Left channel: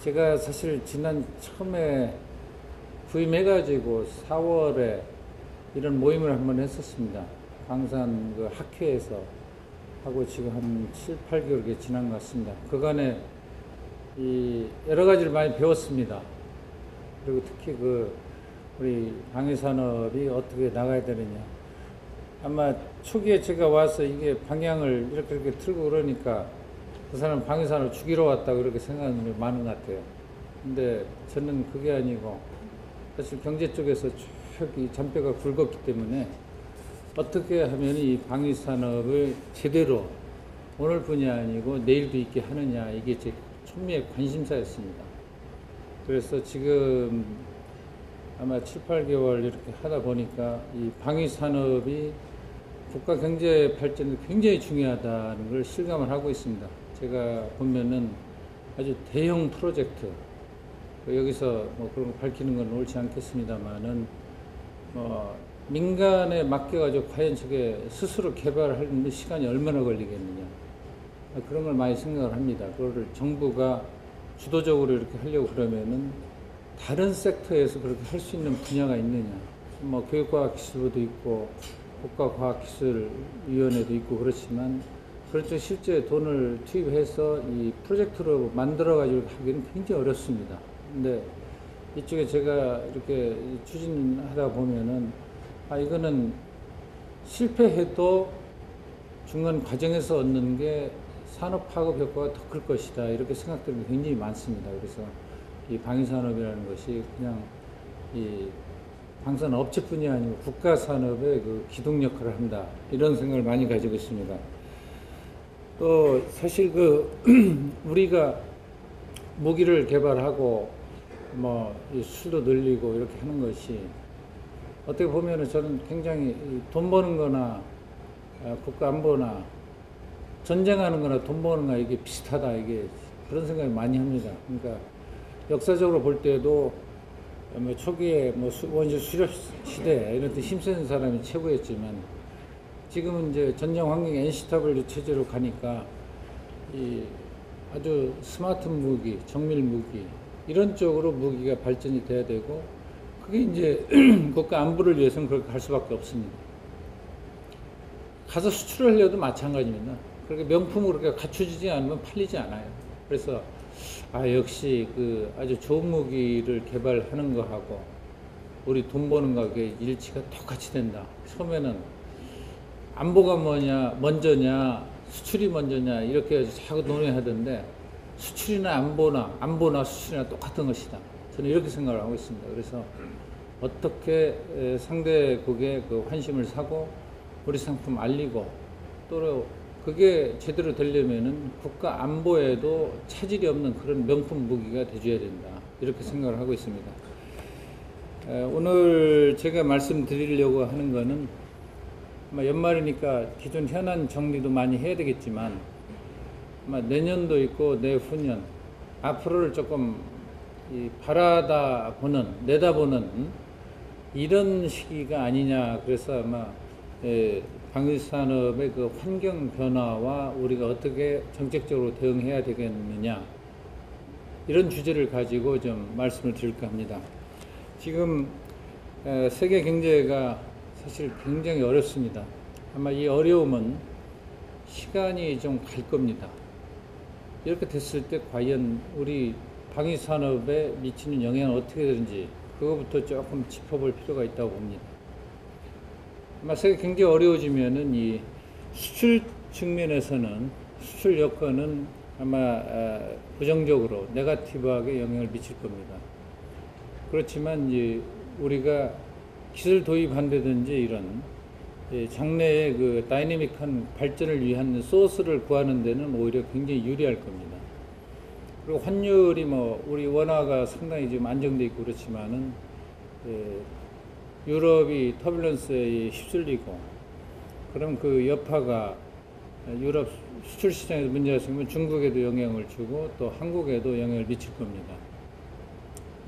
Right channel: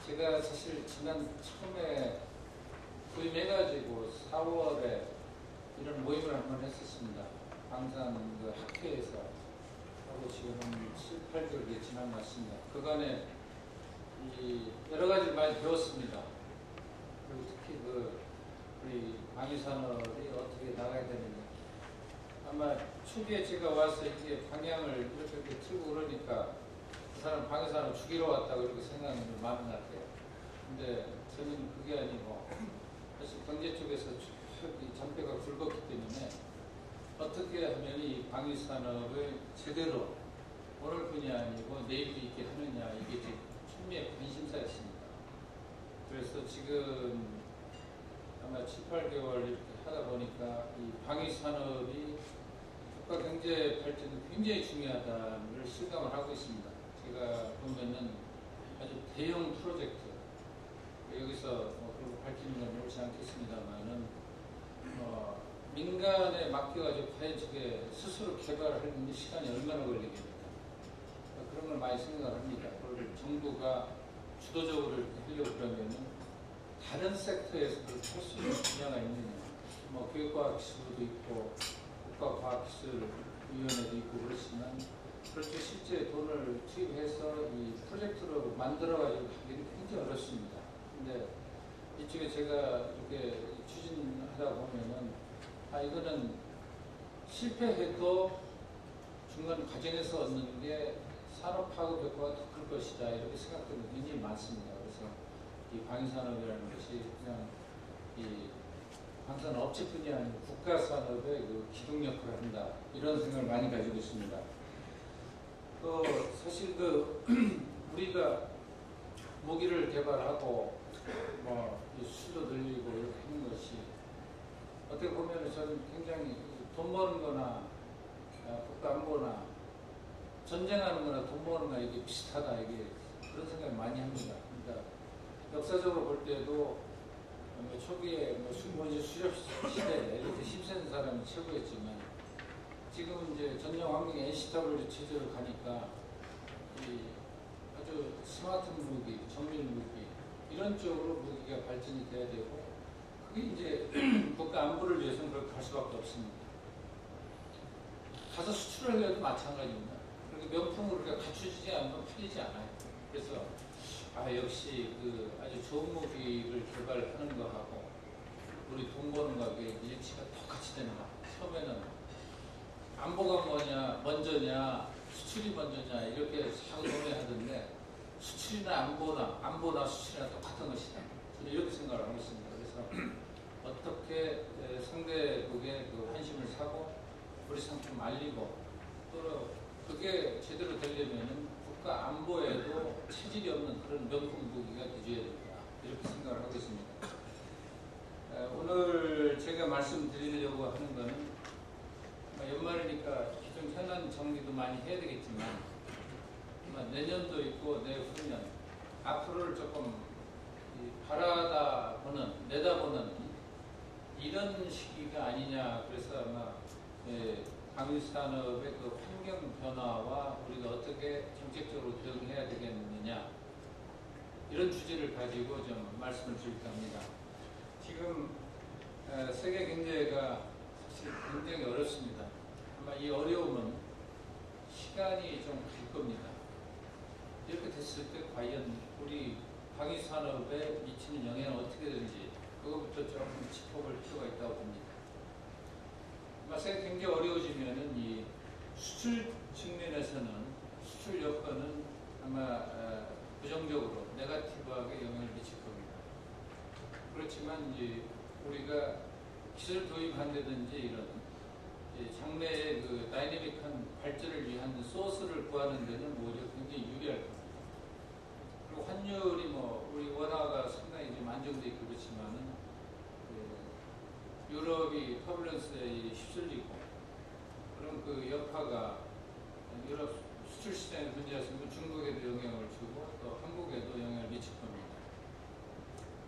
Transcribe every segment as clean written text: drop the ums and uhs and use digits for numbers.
제가 사실 지난 처음에 부임해가지고 4월에 이런 모임을 한번 했었습니다. 광산 그 학회에서 하고 지금 한 7, 8개월 지난 것 같습니다. 그간에 이 여러 가지를 많이 배웠습니다. 그리고 특히 우리 방위산업이 어떻게 나가야 되느냐. 아마 초기에 제가 와서 이게 방향을 이렇게 틀고 그러니까 그 사람 방위산업 죽이러 왔다고 그렇게 생각하는 분이 많은 것 같아요. 근데 저는 그게 아니고 사실 경제 쪽에서 쭉 이 잔뼈가 굵었기 때문에 어떻게 하면 이 방위산업을 제대로 오늘뿐이 아니고 내일도 있게 하느냐, 이게 제 초미의 관심사였습니다. 그래서 지금 아마 7, 8개월 이렇게 하다 보니까 이 방위산업이 국가 경제 발전에 굉장히 중요하다는 걸 실감을 하고 있습니다. 제가 보면은 아주 대형 프로젝트, 여기서 뭐 그런 거 밝히는 건 옳지 않겠습니다만은 민간에 맡겨가지고 과연 저게 스스로 개발하는 시간이 얼마나 걸리겠느냐, 그런 걸 많이 생각을 합니다. 그거를 정부가 주도적으로 이렇게 하려고 그러면은 다른 섹터에서 그렇게 할 수 있는 분야가 있느냐, 뭐 교육과학기술부도 있고 국가과학기술위원회도 있고 그렇지만 그런 쪽 실제 돈을 투입해서 이 프로젝트로 만들어가지고 하기는 굉장히 어렵습니다. 근데 이쪽에 제가 이렇게 추진하다 보면은 이거는 실패해도 중간 과정에서 얻는 게 산업 파급 효과가 더 클 것이다, 이렇게 생각되는 게 굉장히 많습니다. 그래서 이 방위산업이라는 것이 그냥 이 방산 업체뿐이 아니고 국가 산업의 그 기둥 역할을 한다, 이런 생각을 많이 가지고 있습니다. 또 사실 우리가 무기를 개발하고 뭐 수도 늘리고 이렇게 하는 것이 어떻게 보면은 저는 굉장히 돈 버는 거나 국가 안보나 전쟁하는 거나 돈 버는 거나 이게 비슷하다, 이게 그런 생각을 많이 합니다. 그러니까 역사적으로 볼 때도 뭐 초기에 뭐 원시 수렵 시대 이런 데 힘쓰는 사람이 최고였지만 지금은 이제 전쟁 환경 NCW 체제로 가니까 이 아주 스마트 무기, 정밀 무기 이런 쪽으로 무기가 발전이 돼야 되고, 그게 이제 국가 안보를 위해서는 그렇게 갈 수밖에 없습니다. 가서 수출을 하려도 마찬가지입니다. 그렇게 명품으로 그렇게 갖춰지지 않으면 팔리지 않아요. 그래서 역시 아주 좋은 무기를 개발하는 거하고 우리 돈 버는 거하고의 일치가 똑같이 된다. 처음에는 안보가 먼저냐 수출이 먼저냐 이렇게 자꾸 논의하던데, 수출이나 안보나 수출이나 똑같은 것이다, 저는 이렇게 생각을 하고 있습니다. 그래서 어떻게 상대국의 환심을 사고 우리 상품 알리고, 또 그게 제대로 되려면은 국가 안보에도 차질이 없는 그런 명품 무기가 돼줘야 된다, 이렇게 생각을 하고 있습니다. 오늘 제가 말씀드리려고 하는 거는 연말이니까 기존 현안 정리도 많이 해야 되겠지만 내년도 있고 내후년 앞으로를 조금 내다보는 이런 시기가 아니냐. 그래서 아마 방위산업의 환경 변화와 우리가 어떻게 정책적으로 대응해야 되겠느냐, 이런 주제를 가지고 좀 말씀을 드릴까 합니다. 지금 세계 경제가 사실 굉장히 어렵습니다. 아마 이 어려움은 시간이 좀 갈 겁니다. 이렇게 됐을 때 과연 우리 방위산업에 미치는 영향은 어떻게 되는지 그거부터 조금 짚어볼 필요가 있다고 봅니다. 아마 세계 경제가 어려워지면은 이 수출 측면에서는 수출 여건은 아마 부정적으로 네거티브하게 영향을 미칠 겁니다. 그렇지만 이제 우리가 기술 도입한다든지 이런 장래의 다이내믹한 발전을 위한 소스를 구하는 데는 오히려 굉장히 유리할 겁니다. 그리고 환율이 우리 원화가 상당히 지금 안정돼 있고 그렇지만은 유럽이 터뷸런스에 휩쓸리고, 그럼 그 여파가 유럽 수출 시장에서 문제가 생기면 중국에도 영향을 주고 또 한국에도 영향을 미칠 겁니다.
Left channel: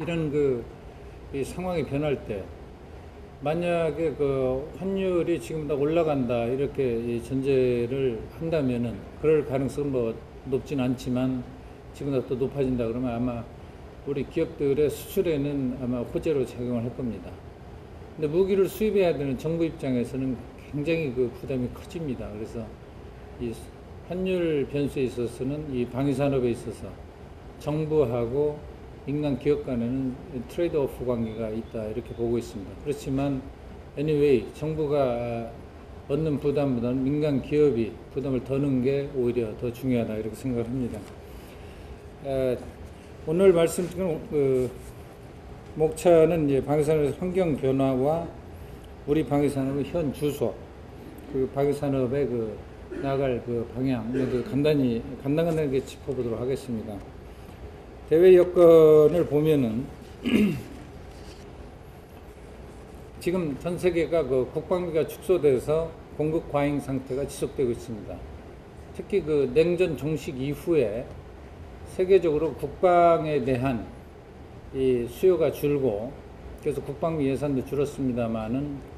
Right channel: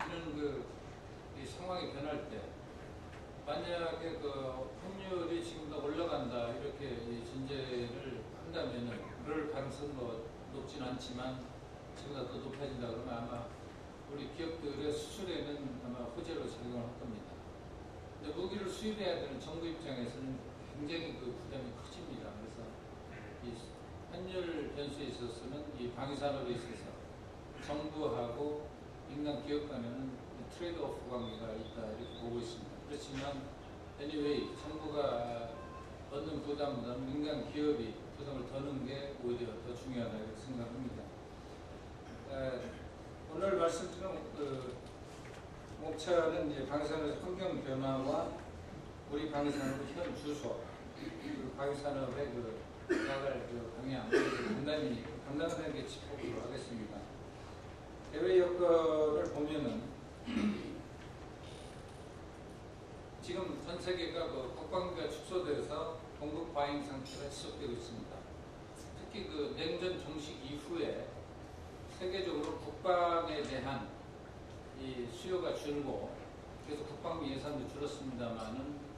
이런 이 상황이 변할 때 만약에 환율이 지금보다 올라간다 이렇게 전제를 한다면은 그럴 가능성은 높진 않지만 지금보다 더 높아진다 그러면 아마 우리 기업들의 수출에는 아마 호재로 작용을 할 겁니다. 근데 무기를 수입해야 되는 정부 입장에서는 굉장히 그 부담이 커집니다. 그래서 이 환율 변수에 있어서는 이 방위산업에 있어서 정부하고 민간 기업 간에는 트레이드 오프 관계가 있다 이렇게 보고 있습니다. 그렇지만 anyway 정부가 얻는 부담보다는 민간 기업이 부담을 더는 게 오히려 더 중요하다 이렇게 생각합니다. 오늘 말씀드린 목차는 이제 방위산업의 환경 변화와 우리 방위산업의 현 주소, 그 방위산업의 그 나갈 그 방향을 간단하게 짚어보도록 하겠습니다. 대외 여건을 보면은 지금 전 세계가 그 국방비가 축소돼서 공급 과잉 상태가 지속되고 있습니다. 특히 그 냉전 종식 이후에 세계적으로 국방에 대한 이 수요가 줄고 그래서 국방비 예산도 줄었습니다만은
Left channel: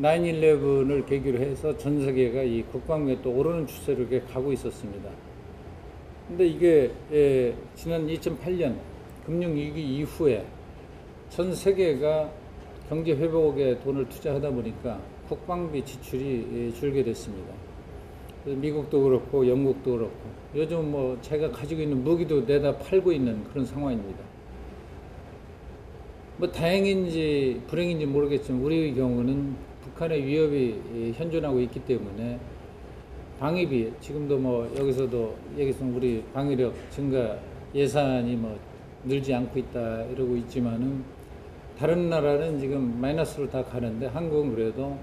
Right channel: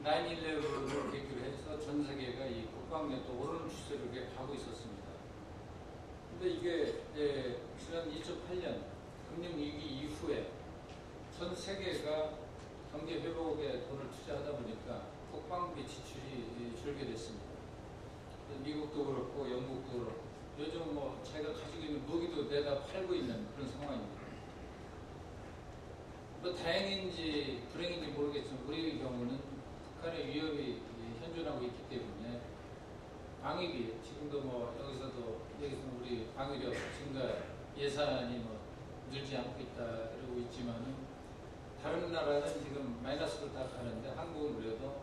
9/11을 계기로 해서 전 세계가 이 국방비에 또 오르는 추세로 이렇게 가고 있었습니다. 근데 이게 지난 2008년 금융위기 이후에 전 세계가 경제 회복에 돈을 투자하다 보니까 국방비 지출이 줄게 됐습니다. 미국도 그렇고 영국도 그렇고 요즘 뭐 자기가 가지고 있는 무기도 내다 팔고 있는 그런 상황입니다. 뭐 다행인지 불행인지 모르겠지만 우리의 경우는 북한의 위협이 현존하고 있기 때문에 방위비 지금도 뭐 여기서도 얘기했으면 우리 방위력 증가 예산이 뭐 늘지 않고 있다 이러고 있지만은 다른 나라는 지금 마이너스로 다 가는데 한국은 그래도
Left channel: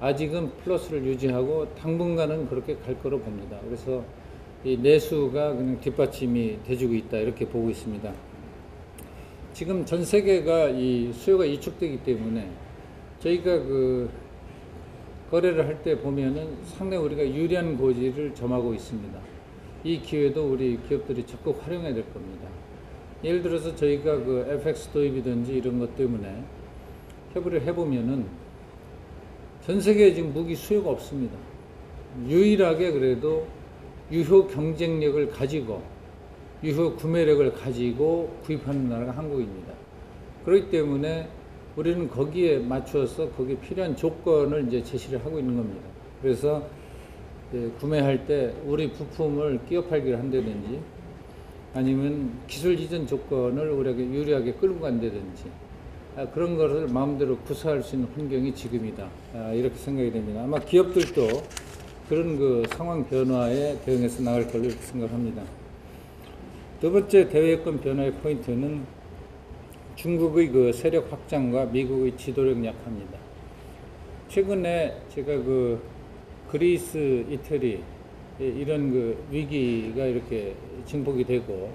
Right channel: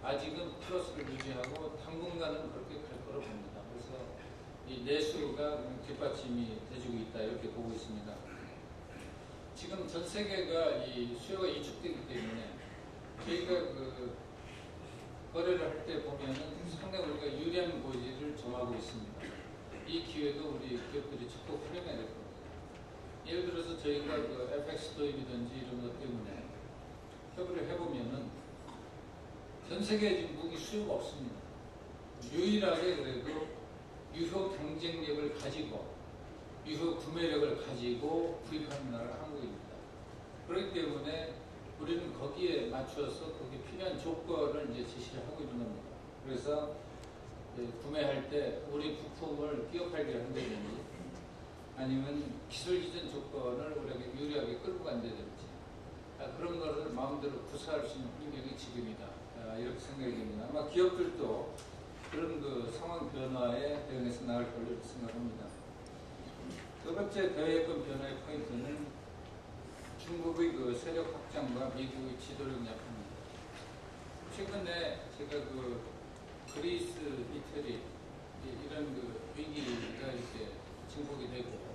아직은 플러스를 유지하고 당분간은 그렇게 갈 거로 봅니다. 그래서 이 내수가 그냥 뒷받침이 돼주고 있다 이렇게 보고 있습니다. 지금 전 세계가 이 수요가 위축되기 때문에 저희가 그 거래를 할 때 보면은 상당히 우리가 유리한 고지를 점하고 있습니다. 이 기회도 우리 기업들이 적극 활용해야 될 겁니다. 예를 들어서 저희가 그 FX 도입이든지 이런 것 때문에 협의를 해보면은 전 세계에 지금 무기 수요가 없습니다. 유일하게 그래도 유효 경쟁력을 가지고 유효 구매력을 가지고 구입하는 나라가 한국입니다. 그렇기 때문에 우리는 거기에 맞추어서 거기에 필요한 조건을 이제 제시를 하고 있는 겁니다. 그래서 구매할 때 우리 부품을 끼워 팔기를 한다든지 아니면 기술 이전 조건을 우리에게 유리하게 끌고 간다든지 그런 것을 마음대로 구사할 수 있는 환경이 지금이다. 이렇게 생각이 됩니다. 아마 기업들도 그런 그 상황 변화에 대응해서 나갈 걸로 이렇게 생각합니다. 두 번째 대외여건 변화의 포인트는 중국의 그 세력 확장과 미국의 지도력 약화입니다. 최근에 제가 그 그리스, 이태리 이런 그 위기가 이렇게 증폭이 되고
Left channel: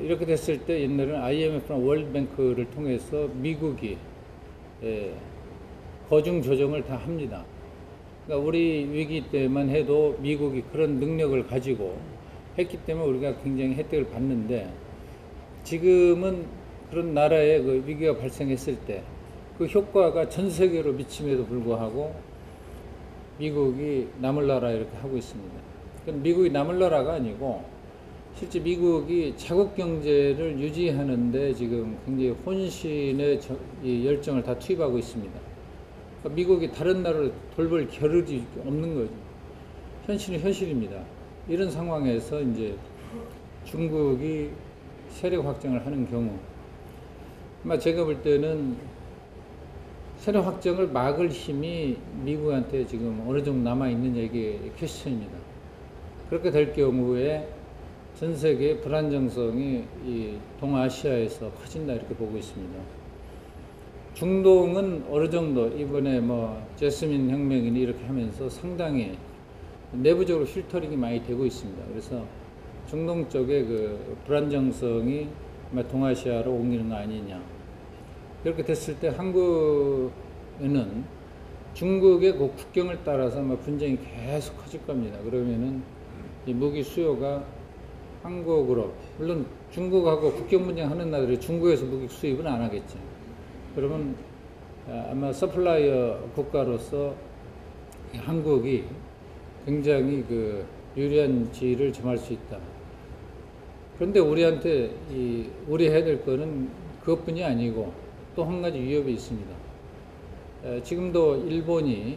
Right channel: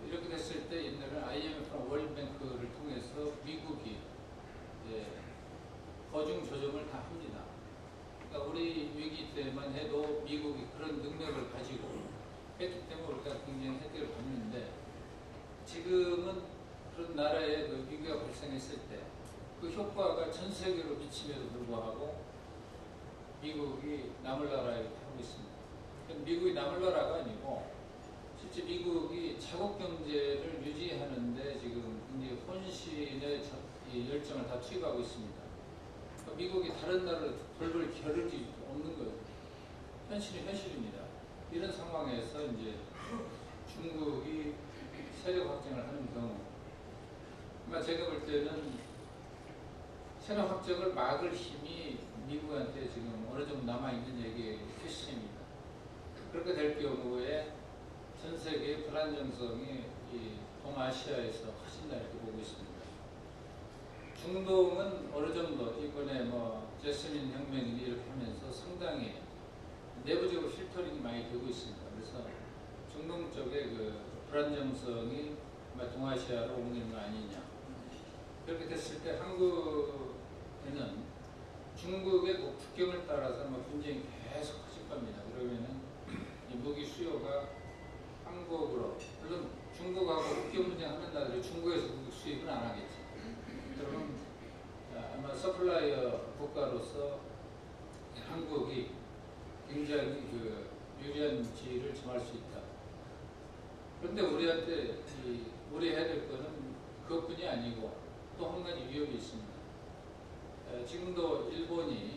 이렇게 됐을 때 옛날에는 IMF나 월드뱅크를 통해서 미국이 거중 조정을 다 합니다. 그러니까 우리 위기 때만 해도 미국이 그런 능력을 가지고 했기 때문에 우리가 굉장히 혜택을 받는데 지금은 그런 나라에 그 위기가 발생했을 때 그 효과가 전 세계로 미침에도 불구하고 미국이 남을 나라 이렇게 하고 있습니다. 미국이 남을 나라가 아니고 실제 미국이 자국 경제를 유지하는데 지금 굉장히 혼신의 열정을 다 투입하고 있습니다. 그러니까 미국이 다른 나라를 돌볼 겨를이 없는 거죠. 현실은 현실입니다. 이런 상황에서 이제 중국이 세력 확장을 하는 경우, 아마 제가 볼 때는 세력 확장을 막을 힘이 미국한테 지금 어느 정도 남아있느냐 이게 퀘스천입니다. 그렇게 될 경우에 전 세계의 불안정성이 이 동아시아에서 커진다 이렇게 보고 있습니다. 중동은 어느 정도 이번에 뭐 제스민 혁명이니 이렇게 하면서 상당히 내부적으로 필터링이 많이 되고 있습니다. 그래서 중동 쪽의 그 불안정성이 동아시아로 옮기는 거 아니냐. 그렇게 됐을 때 한국에는 중국의 그 국경을 따라서 분쟁이 계속 커질 겁니다. 그러면은 이 무기 수요가 한국으로, 물론 중국하고 국경 분쟁 하는 나라들이 중국에서 무기 수입은 안 하겠지. 그러면 아마 서플라이어 국가로서 한국이 굉장히 그 유리한 지위를 점할 수 있다. 그런데 우리한테 우리 해야 될 거는 그것뿐이 아니고 또 한 가지 위협이 있습니다. 지금도 일본이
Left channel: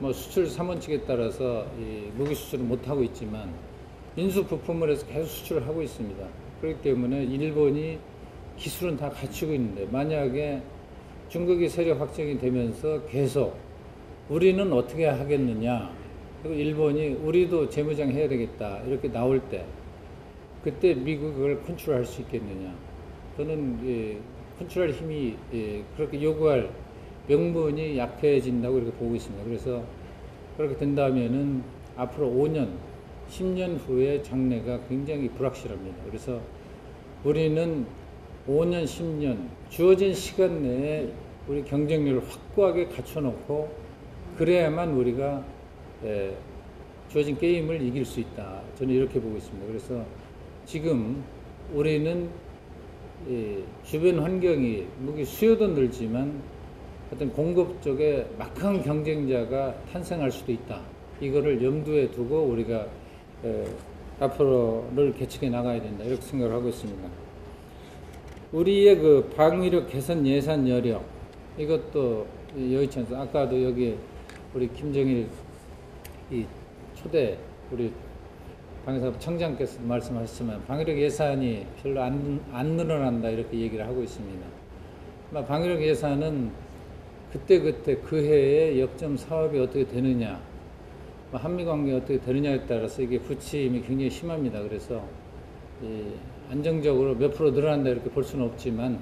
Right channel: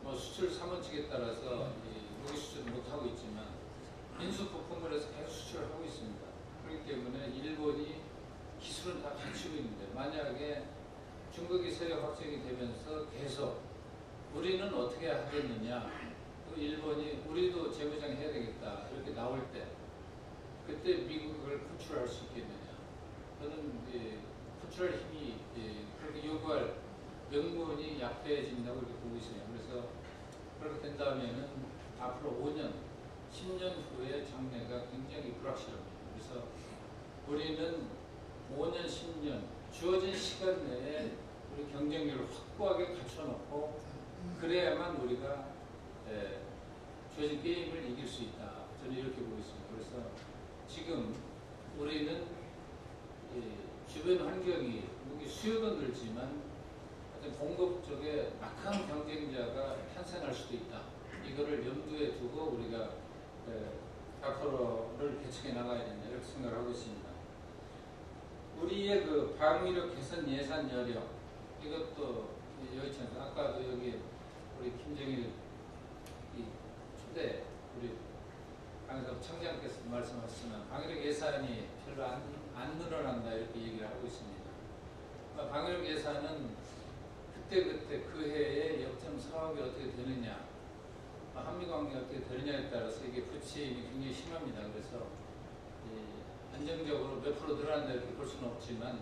뭐 수출 삼원칙에 따라서 무기 수출을 못 하고 있지만 인수 부품을 해서 계속 수출을 하고 있습니다. 그렇기 때문에 일본이 기술은 다 갖추고 있는데 만약에 중국이 세력 확정이 되면서 계속 우리는 어떻게 하겠느냐, 그리고 일본이 우리도 재무장 해야 되겠다 이렇게 나올 때 그때 미국이 그걸 컨트롤할 수 있겠느냐. 저는 컨트롤 힘이 그렇게 요구할 명분이 약해진다고 이렇게 보고 있습니다. 그래서 그렇게 된다면은 앞으로 5년, 10년 후에 장래가 굉장히 불확실합니다. 그래서 우리는 5년, 10년 주어진 시간 내에 우리 경쟁력을 확고하게 갖춰놓고 그래야만 우리가 주어진 게임을 이길 수 있다. 저는 이렇게 보고 있습니다. 그래서 지금 우리는 주변 환경이 무기 수요도 늘지만 어떤 공급 쪽에 막강한 경쟁자가 탄생할 수도 있다. 이거를 염두에 두고 우리가 앞으로를 개척해 나가야 된다. 이렇게 생각을 하고 있습니다. 우리의 그 방위력 개선 예산 여력 이것도 여의치 않습니다. 아까도 여기 우리 김정일 초대 우리 방위사업 청장께서 말씀하셨지만 방위력 예산이 별로 안 늘어난다 이렇게 얘기를 하고 있습니다. 방위력 예산은 그때 그 해에 역점 사업이 어떻게 되느냐, 한미 관계가 어떻게 되느냐에 따라서 이게 부침이 굉장히 심합니다. 그래서 안정적으로 몇 프로 늘어난다 이렇게 볼 수는 없지만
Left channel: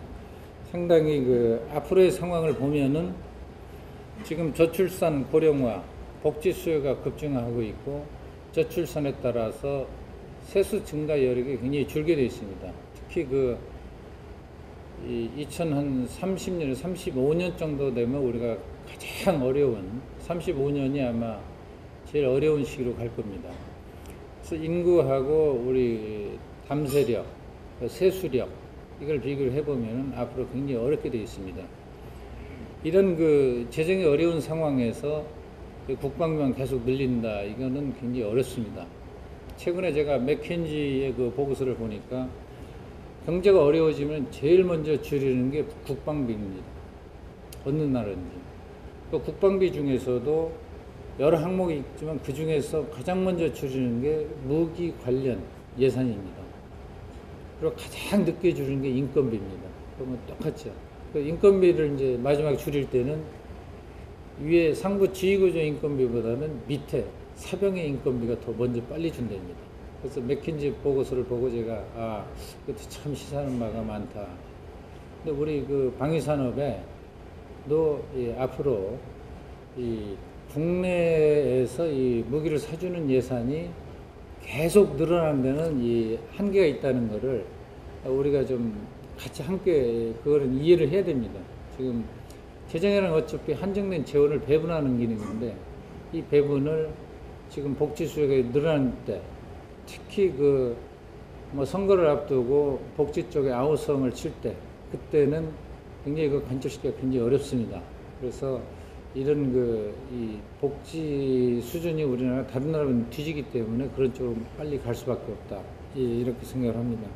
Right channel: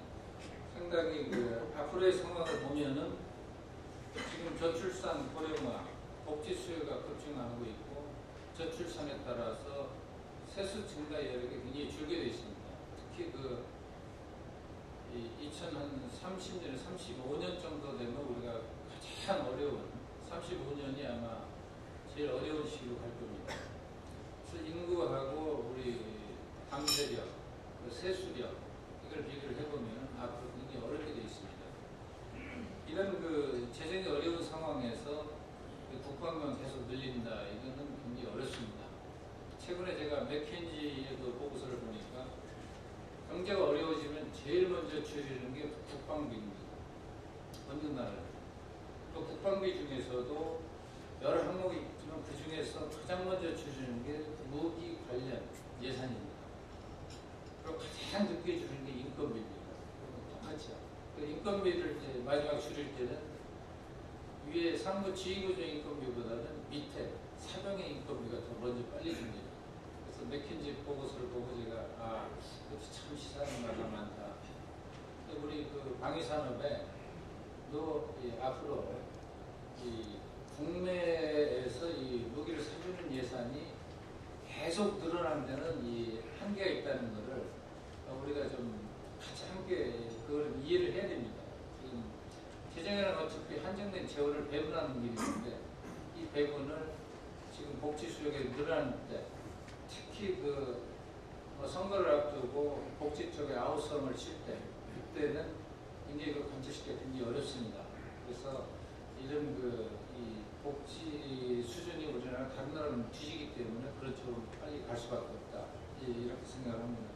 상당히 그 앞으로의 상황을 보면은 지금 저출산 고령화, 복지 수요가 급증하고 있고 저출산에 따라서 세수 증가 여력이 굉장히 줄게 되어 있습니다. 특히 그 2030년, 35년 정도 되면 우리가 가장 어려운 35년이 아마 제일 어려운 시기로 갈 겁니다. 그래서 인구하고 우리 담세력, 세수력 이걸 비교를 해보면 앞으로 굉장히 어렵게 되어 있습니다. 이런 그 재정이 어려운 상황에서 국방비만 계속 늘린다 이거는 굉장히 어렵습니다. 최근에 제가 맥켄지의 그 보고서를 보니까 경제가 어려워지면 제일 먼저 줄이는 게 국방비입니다. 어느 나라든지. 또 국방비 중에서도 여러 항목이 있지만 그 중에서 가장 먼저 줄이는 게 무기 관련 예산입니다. 그리고 가장 늦게 줄이는 게 인건비입니다. 그러면 똑같죠. 그 인건비를 이제 마지막에 줄일 때는 위에 상부 지휘구조 인건비보다는 밑에 사병의 인건비가 더 먼저 빨리 준답니다. 그래서 맥킨지 보고서를 보고 제가 그것도 참 시사하는 바가 많다. 근데 우리 그 방위산업에도 앞으로 이 국내에서 이 무기를 사주는 예산이 계속 늘어나는 데는 이 한계가 있다는 것을 우리가 좀 같이 함께 그거를 이해를 해야 됩니다. 지금 재정에는 어차피 한정된 재원을 배분하는 기능인데 이 배분을 지금 복지 수요가 늘어날 때 특히 그 뭐 선거를 앞두고 복지 쪽에 아우성을 칠 때 그때는 굉장히 그 관철시키기가 굉장히 어렵습니다. 그래서 이런 이 복지 수준이 우리나라 다른 나라는 뒤지기 때문에 그런 쪽으로 빨리 갈 수밖에 없다. 이렇게 생각을 합니다.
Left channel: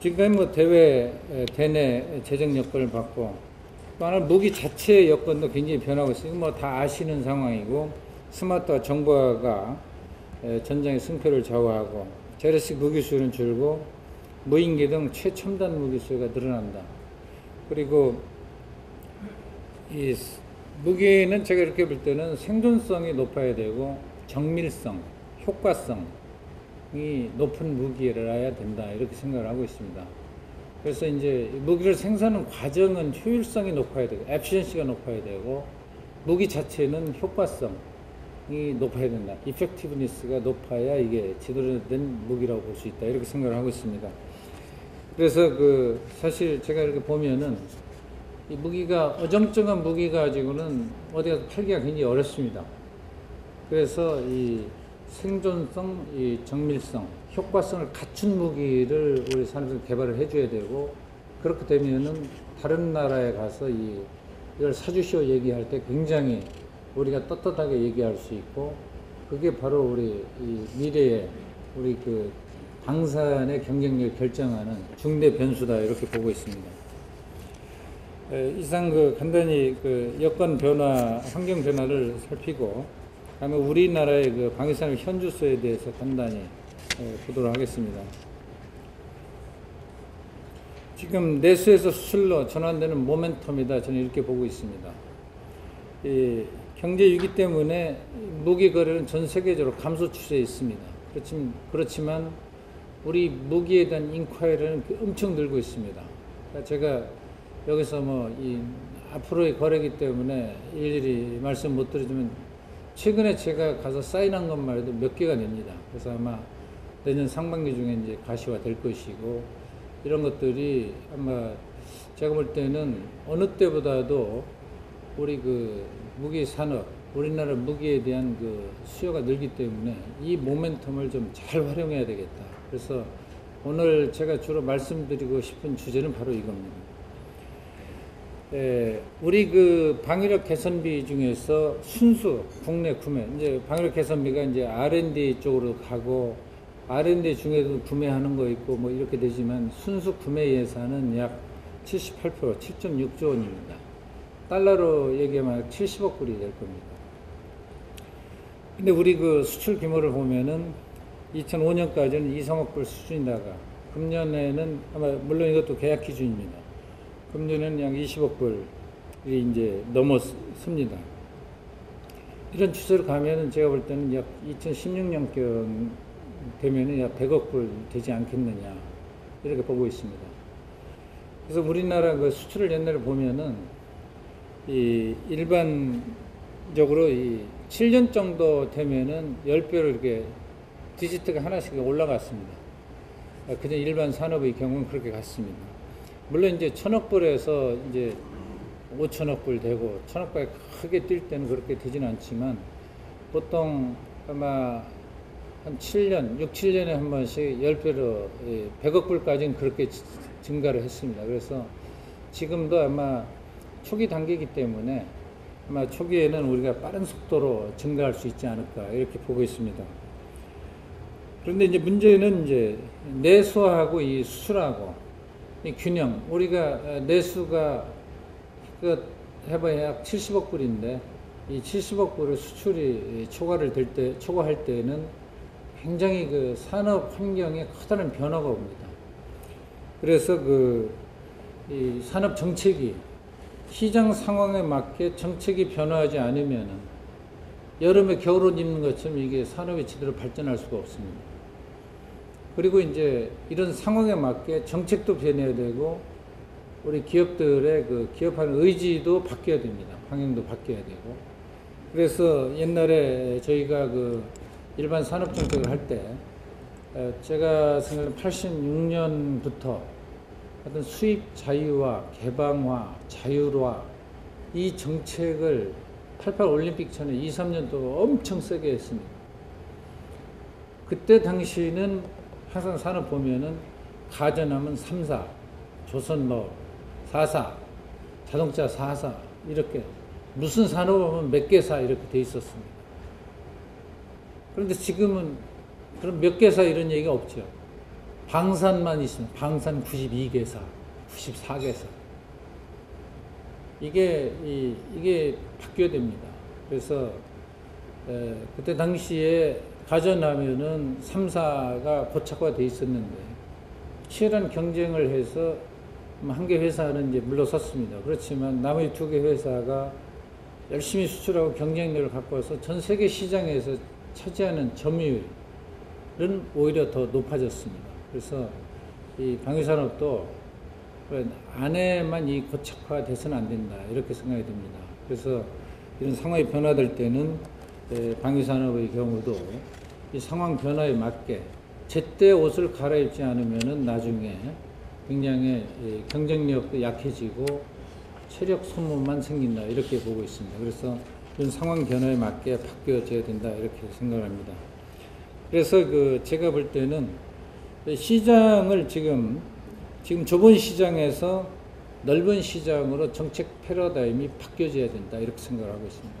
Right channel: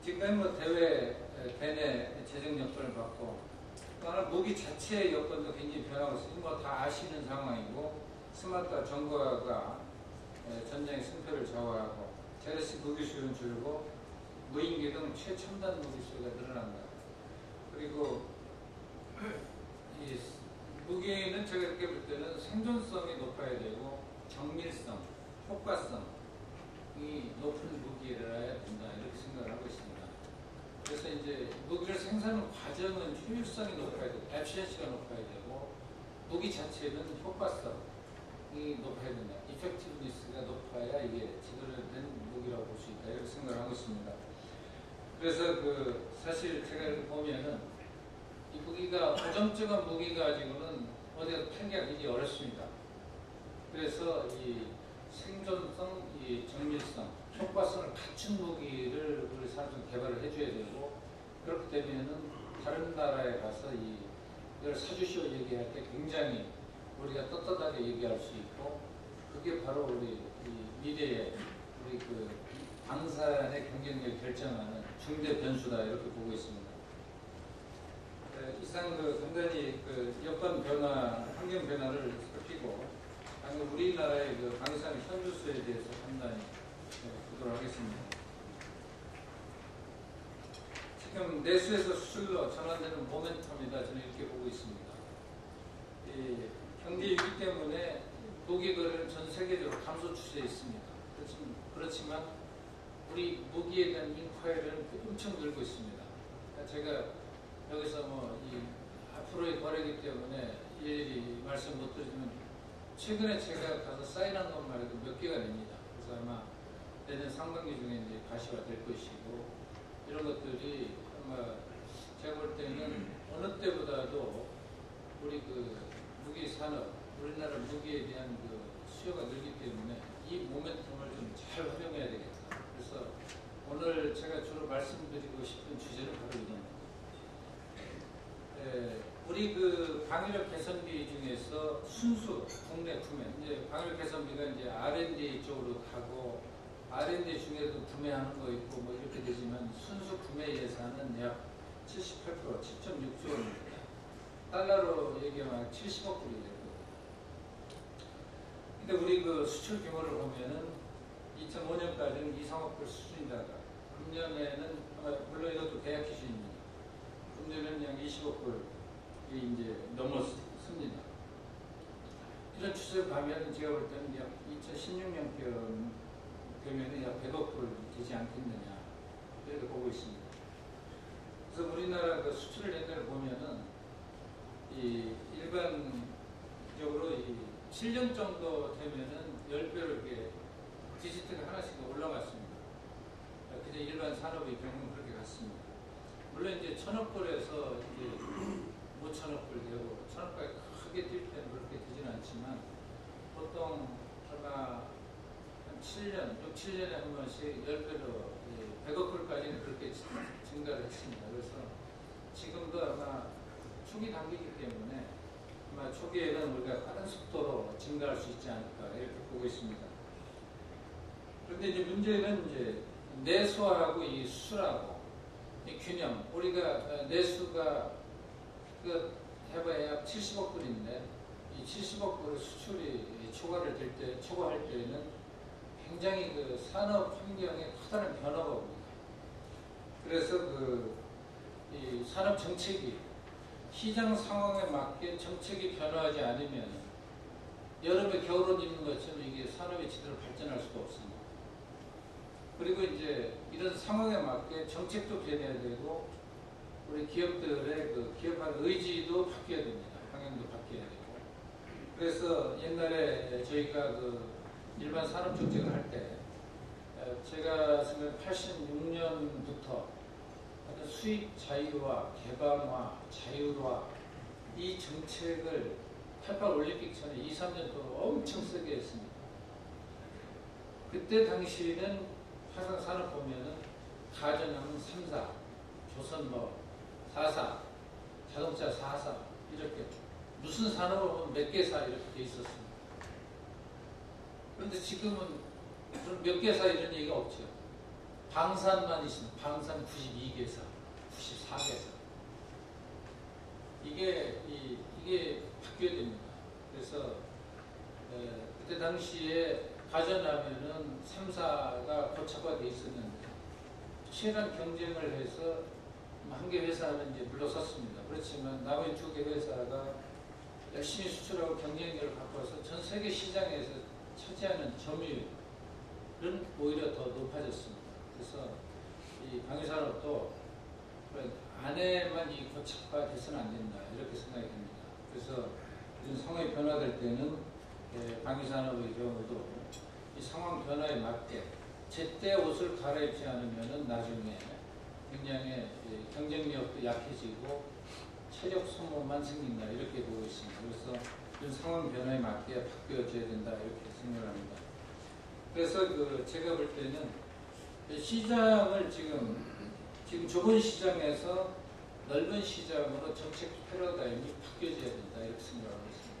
지금까지 뭐 대내 재정 여건을 봤고 또 하나 무기 자체의 여건도 굉장히 변하고 있어요. 뭐 다 아시는 상황이고 스마트화 정보화가 전장의 승패를 좌우하고 재래식 무기 수요는 줄고 무인기 등 최첨단 무기 수요가 늘어난다. 그리고 이 무기는 제가 이렇게 볼 때는 생존성이 높아야 되고 정밀성, 효과성이 높은 무기라야 된다 이렇게 생각을 하고 있습니다. 그래서 이제 무기를 생산하는 과정은 효율성이 높아야 되고 에피션시가 높아야 되고 무기 자체는 효과성이 높아야 된다. 이펙티브니스가 높아야 이게 제대로 된 무기라고 볼 수 있다 이렇게 생각을 하고 있습니다. 그래서 사실 제가 이렇게 보면은 이 무기가 어정쩡한 무기 가지고는 어디 가서 팔기가 굉장히 어렵습니다. 그래서 이 생존성, 이 정밀성, 효과성을 갖춘 무기를 우리 산업에서 개발을 해줘야 되고 그렇게 되면은 다른 나라에 가서 이걸 사주시오 얘기할 때 굉장히 우리가 떳떳하게 얘기할 수 있고 그게 바로 우리 이 미래의 우리 방산의 경쟁력을 결정하는 중대 변수다 이렇게 보고 있습니다. 이상 간단히 여건 변화, 환경 변화를 살피고 다음에 우리나라의 방위산업 현주소에 대해서 간단히 보도록 하겠습니다. 지금 내수에서 수출로 전환되는 모멘텀이다 저는 이렇게 보고 있습니다. 경제 위기 때문에 무기 거래는 전 세계적으로 감소 추세에 있습니다. 그렇지만 우리 무기에 대한 인콰이리는 엄청 늘고 있습니다. 그러니까 제가 여기서 앞으로의 거래이기 때문에 일일이 말씀 못 드리지만 최근에 제가 가서 사인한 것만 해도 몇 개가 됩니다. 그래서 아마 내년 상반기 중에 이제 가시화 될 것이고 이런 것들이 아마 제가 볼 때는 어느 때보다도 우리 무기 산업, 우리나라 무기에 대한 수요가 늘기 때문에 이 모멘텀을 좀 잘 활용해야 되겠다. 그래서 오늘 제가 주로 말씀드리고 싶은 주제는 바로 이겁니다. 우리 방위력 개선비 중에서 순수 국내 구매, 이제 방위력 개선비가 이제 R&D 쪽으로 가고 R&D 중에도 구매하는 거 있고 이렇게 되지만 순수 구매 예산은 약 78%, 7.6조 원입니다. 달러로 얘기하면 70억 불이 될 겁니다. 근데 우리 수출 규모를 보면은 2005년까지는 2, 3억 불 수준이다가 금년에는 아마 물론 이것도 계약 기준입니다. 금년에는 약 20억 불이 이제 넘었습니다. 이런 추세로 가면은 제가 볼 때는 약 2016년경 되면은 약 100억 불 되지 않겠느냐 이렇게 보고 있습니다. 그래서 우리나라 수출을 옛날에 보면은 일반적으로 7년 정도 되면은 10배로 이렇게 디지트가 하나씩 올라갔습니다. 그냥 일반 산업의 경우는 그렇게 갔습니다. 물론 이제 1000억 불에서 이제 5천억 불 되고 1000억까지 크게 뛸 때는 그렇게 되지는 않지만 보통 아마 한 7년, 6, 7년에 한 번씩 10배로 100억 불까지는 그렇게 증가를 했습니다. 그래서 지금도 아마 초기 단계이기 때문에 아마 초기에는 우리가 빠른 속도로 증가할 수 있지 않을까 이렇게 보고 있습니다. 그런데 이제 문제는 이제 내수하고 이 수출하고 이 균형, 우리가 내수가 해봐야 약 70억 불인데 이 70억 불의 수출이 초과할 때는 굉장히 산업 환경에 커다란 변화가 옵니다. 그래서 이 산업 정책이 시장 상황에 맞게 정책이 변화하지 않으면 여름에 겨울옷 입는 것처럼 이게 산업이 제대로 발전할 수가 없습니다. 그리고 이제 이런 상황에 맞게 정책도 변해야 되고 우리 기업들의 기업하는 의지도 바뀌어야 됩니다. 방향도 바뀌어야 되고. 그래서 옛날에 저희가 일반 산업 정책을 할 때 제가 생각하는 86년부터 어떤 수익 자유화, 개방화, 자율화 이 정책을 88 올림픽 전에 2, 3년 동안 엄청 세게 했습니다. 그때 당시는 항상 산업 보면은 가전하면 3사, 조선노 4사, 자동차 4사 이렇게 무슨 산업하면 몇 개사 이렇게 돼 있었습니다. 그런데 지금은 그럼 몇 개사 이런 얘기가 없죠. 방산만 있으면 방산 92개사, 94개사. 이게 바뀌어야 됩니다. 그래서 그때 당시에 가전하면은 3사가 고착화되어 있었는데 치열한 경쟁을 해서 한 개 회사는 이제 물러섰습니다. 그렇지만 나머지 2개 회사가 열심히 수출하고 경쟁력을 갖고 와서 전 세계 시장에서 차지하는 점유율은 오히려 더 높아졌습니다. 그래서 이 방위산업도 안에만 이 고착화돼서는 안 된다 이렇게 생각이 듭니다. 그래서 이런 상황이 변화될 때는 방위산업의 경우도 이 상황 변화에 맞게 제때 옷을 갈아입지 않으면은 나중에 굉장히 경쟁력도 약해지고 체력 소모만 생긴다 이렇게 보고 있습니다. 그래서 이런 상황 변화에 맞게 바뀌어져야 된다 이렇게 생각합니다. 그래서 제가 볼 때는 시장을 지금 좁은 시장에서 넓은 시장으로 정책 패러다임이 바뀌어져야 된다 이렇게 생각하고 있습니다.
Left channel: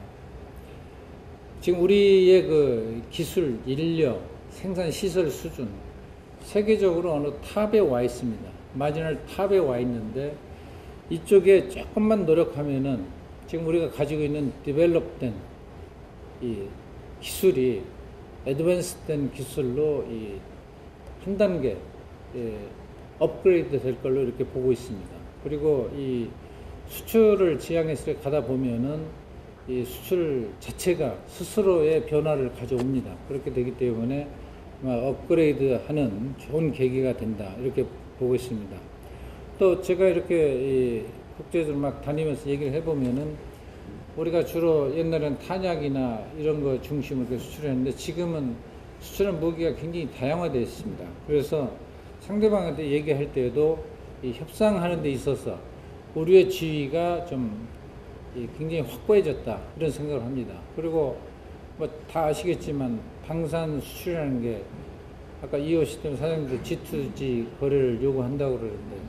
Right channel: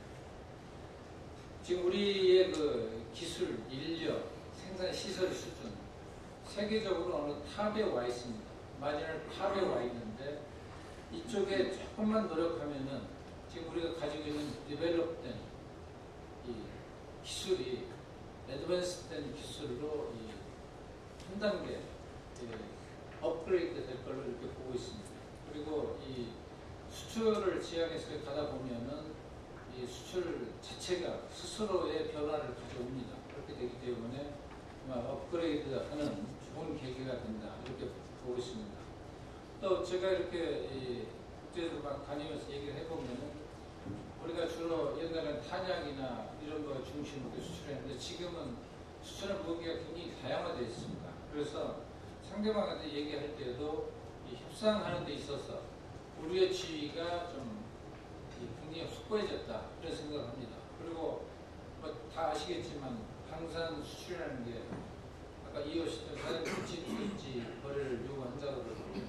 지금 우리의 기술, 인력, 생산 시설 수준 세계적으로 어느 탑에 와 있습니다. 마지널 탑에 와 있는데 이쪽에 조금만 노력하면은 지금 우리가 가지고 있는 디벨롭된 이 기술이 애드밴스된 기술로 이 한 단계 업그레이드 될 걸로 이렇게 보고 있습니다. 그리고 이 수출을 지향해서 가다 보면은 이 수출 자체가 스스로의 변화를 가져옵니다. 그렇게 되기 때문에 업그레이드 하는 좋은 계기가 된다. 이렇게 보고 있습니다. 또 제가 이렇게 국제적으로 막 다니면서 얘기를 해보면은 우리가 주로 옛날엔 탄약이나 이런 거 중심으로 수출했는데 지금은 수출한 무기가 굉장히 다양화되어 있습니다. 그래서 상대방한테 얘기할 때도 이 협상하는 데 있어서 우리의 지위가 좀 굉장히 확고해졌다. 이런 생각을 합니다. 그리고 뭐 다 아시겠지만 방산 수출이라는 게 아까 이호시스템 사장님도 G2G 거래를 요구한다고 그러는데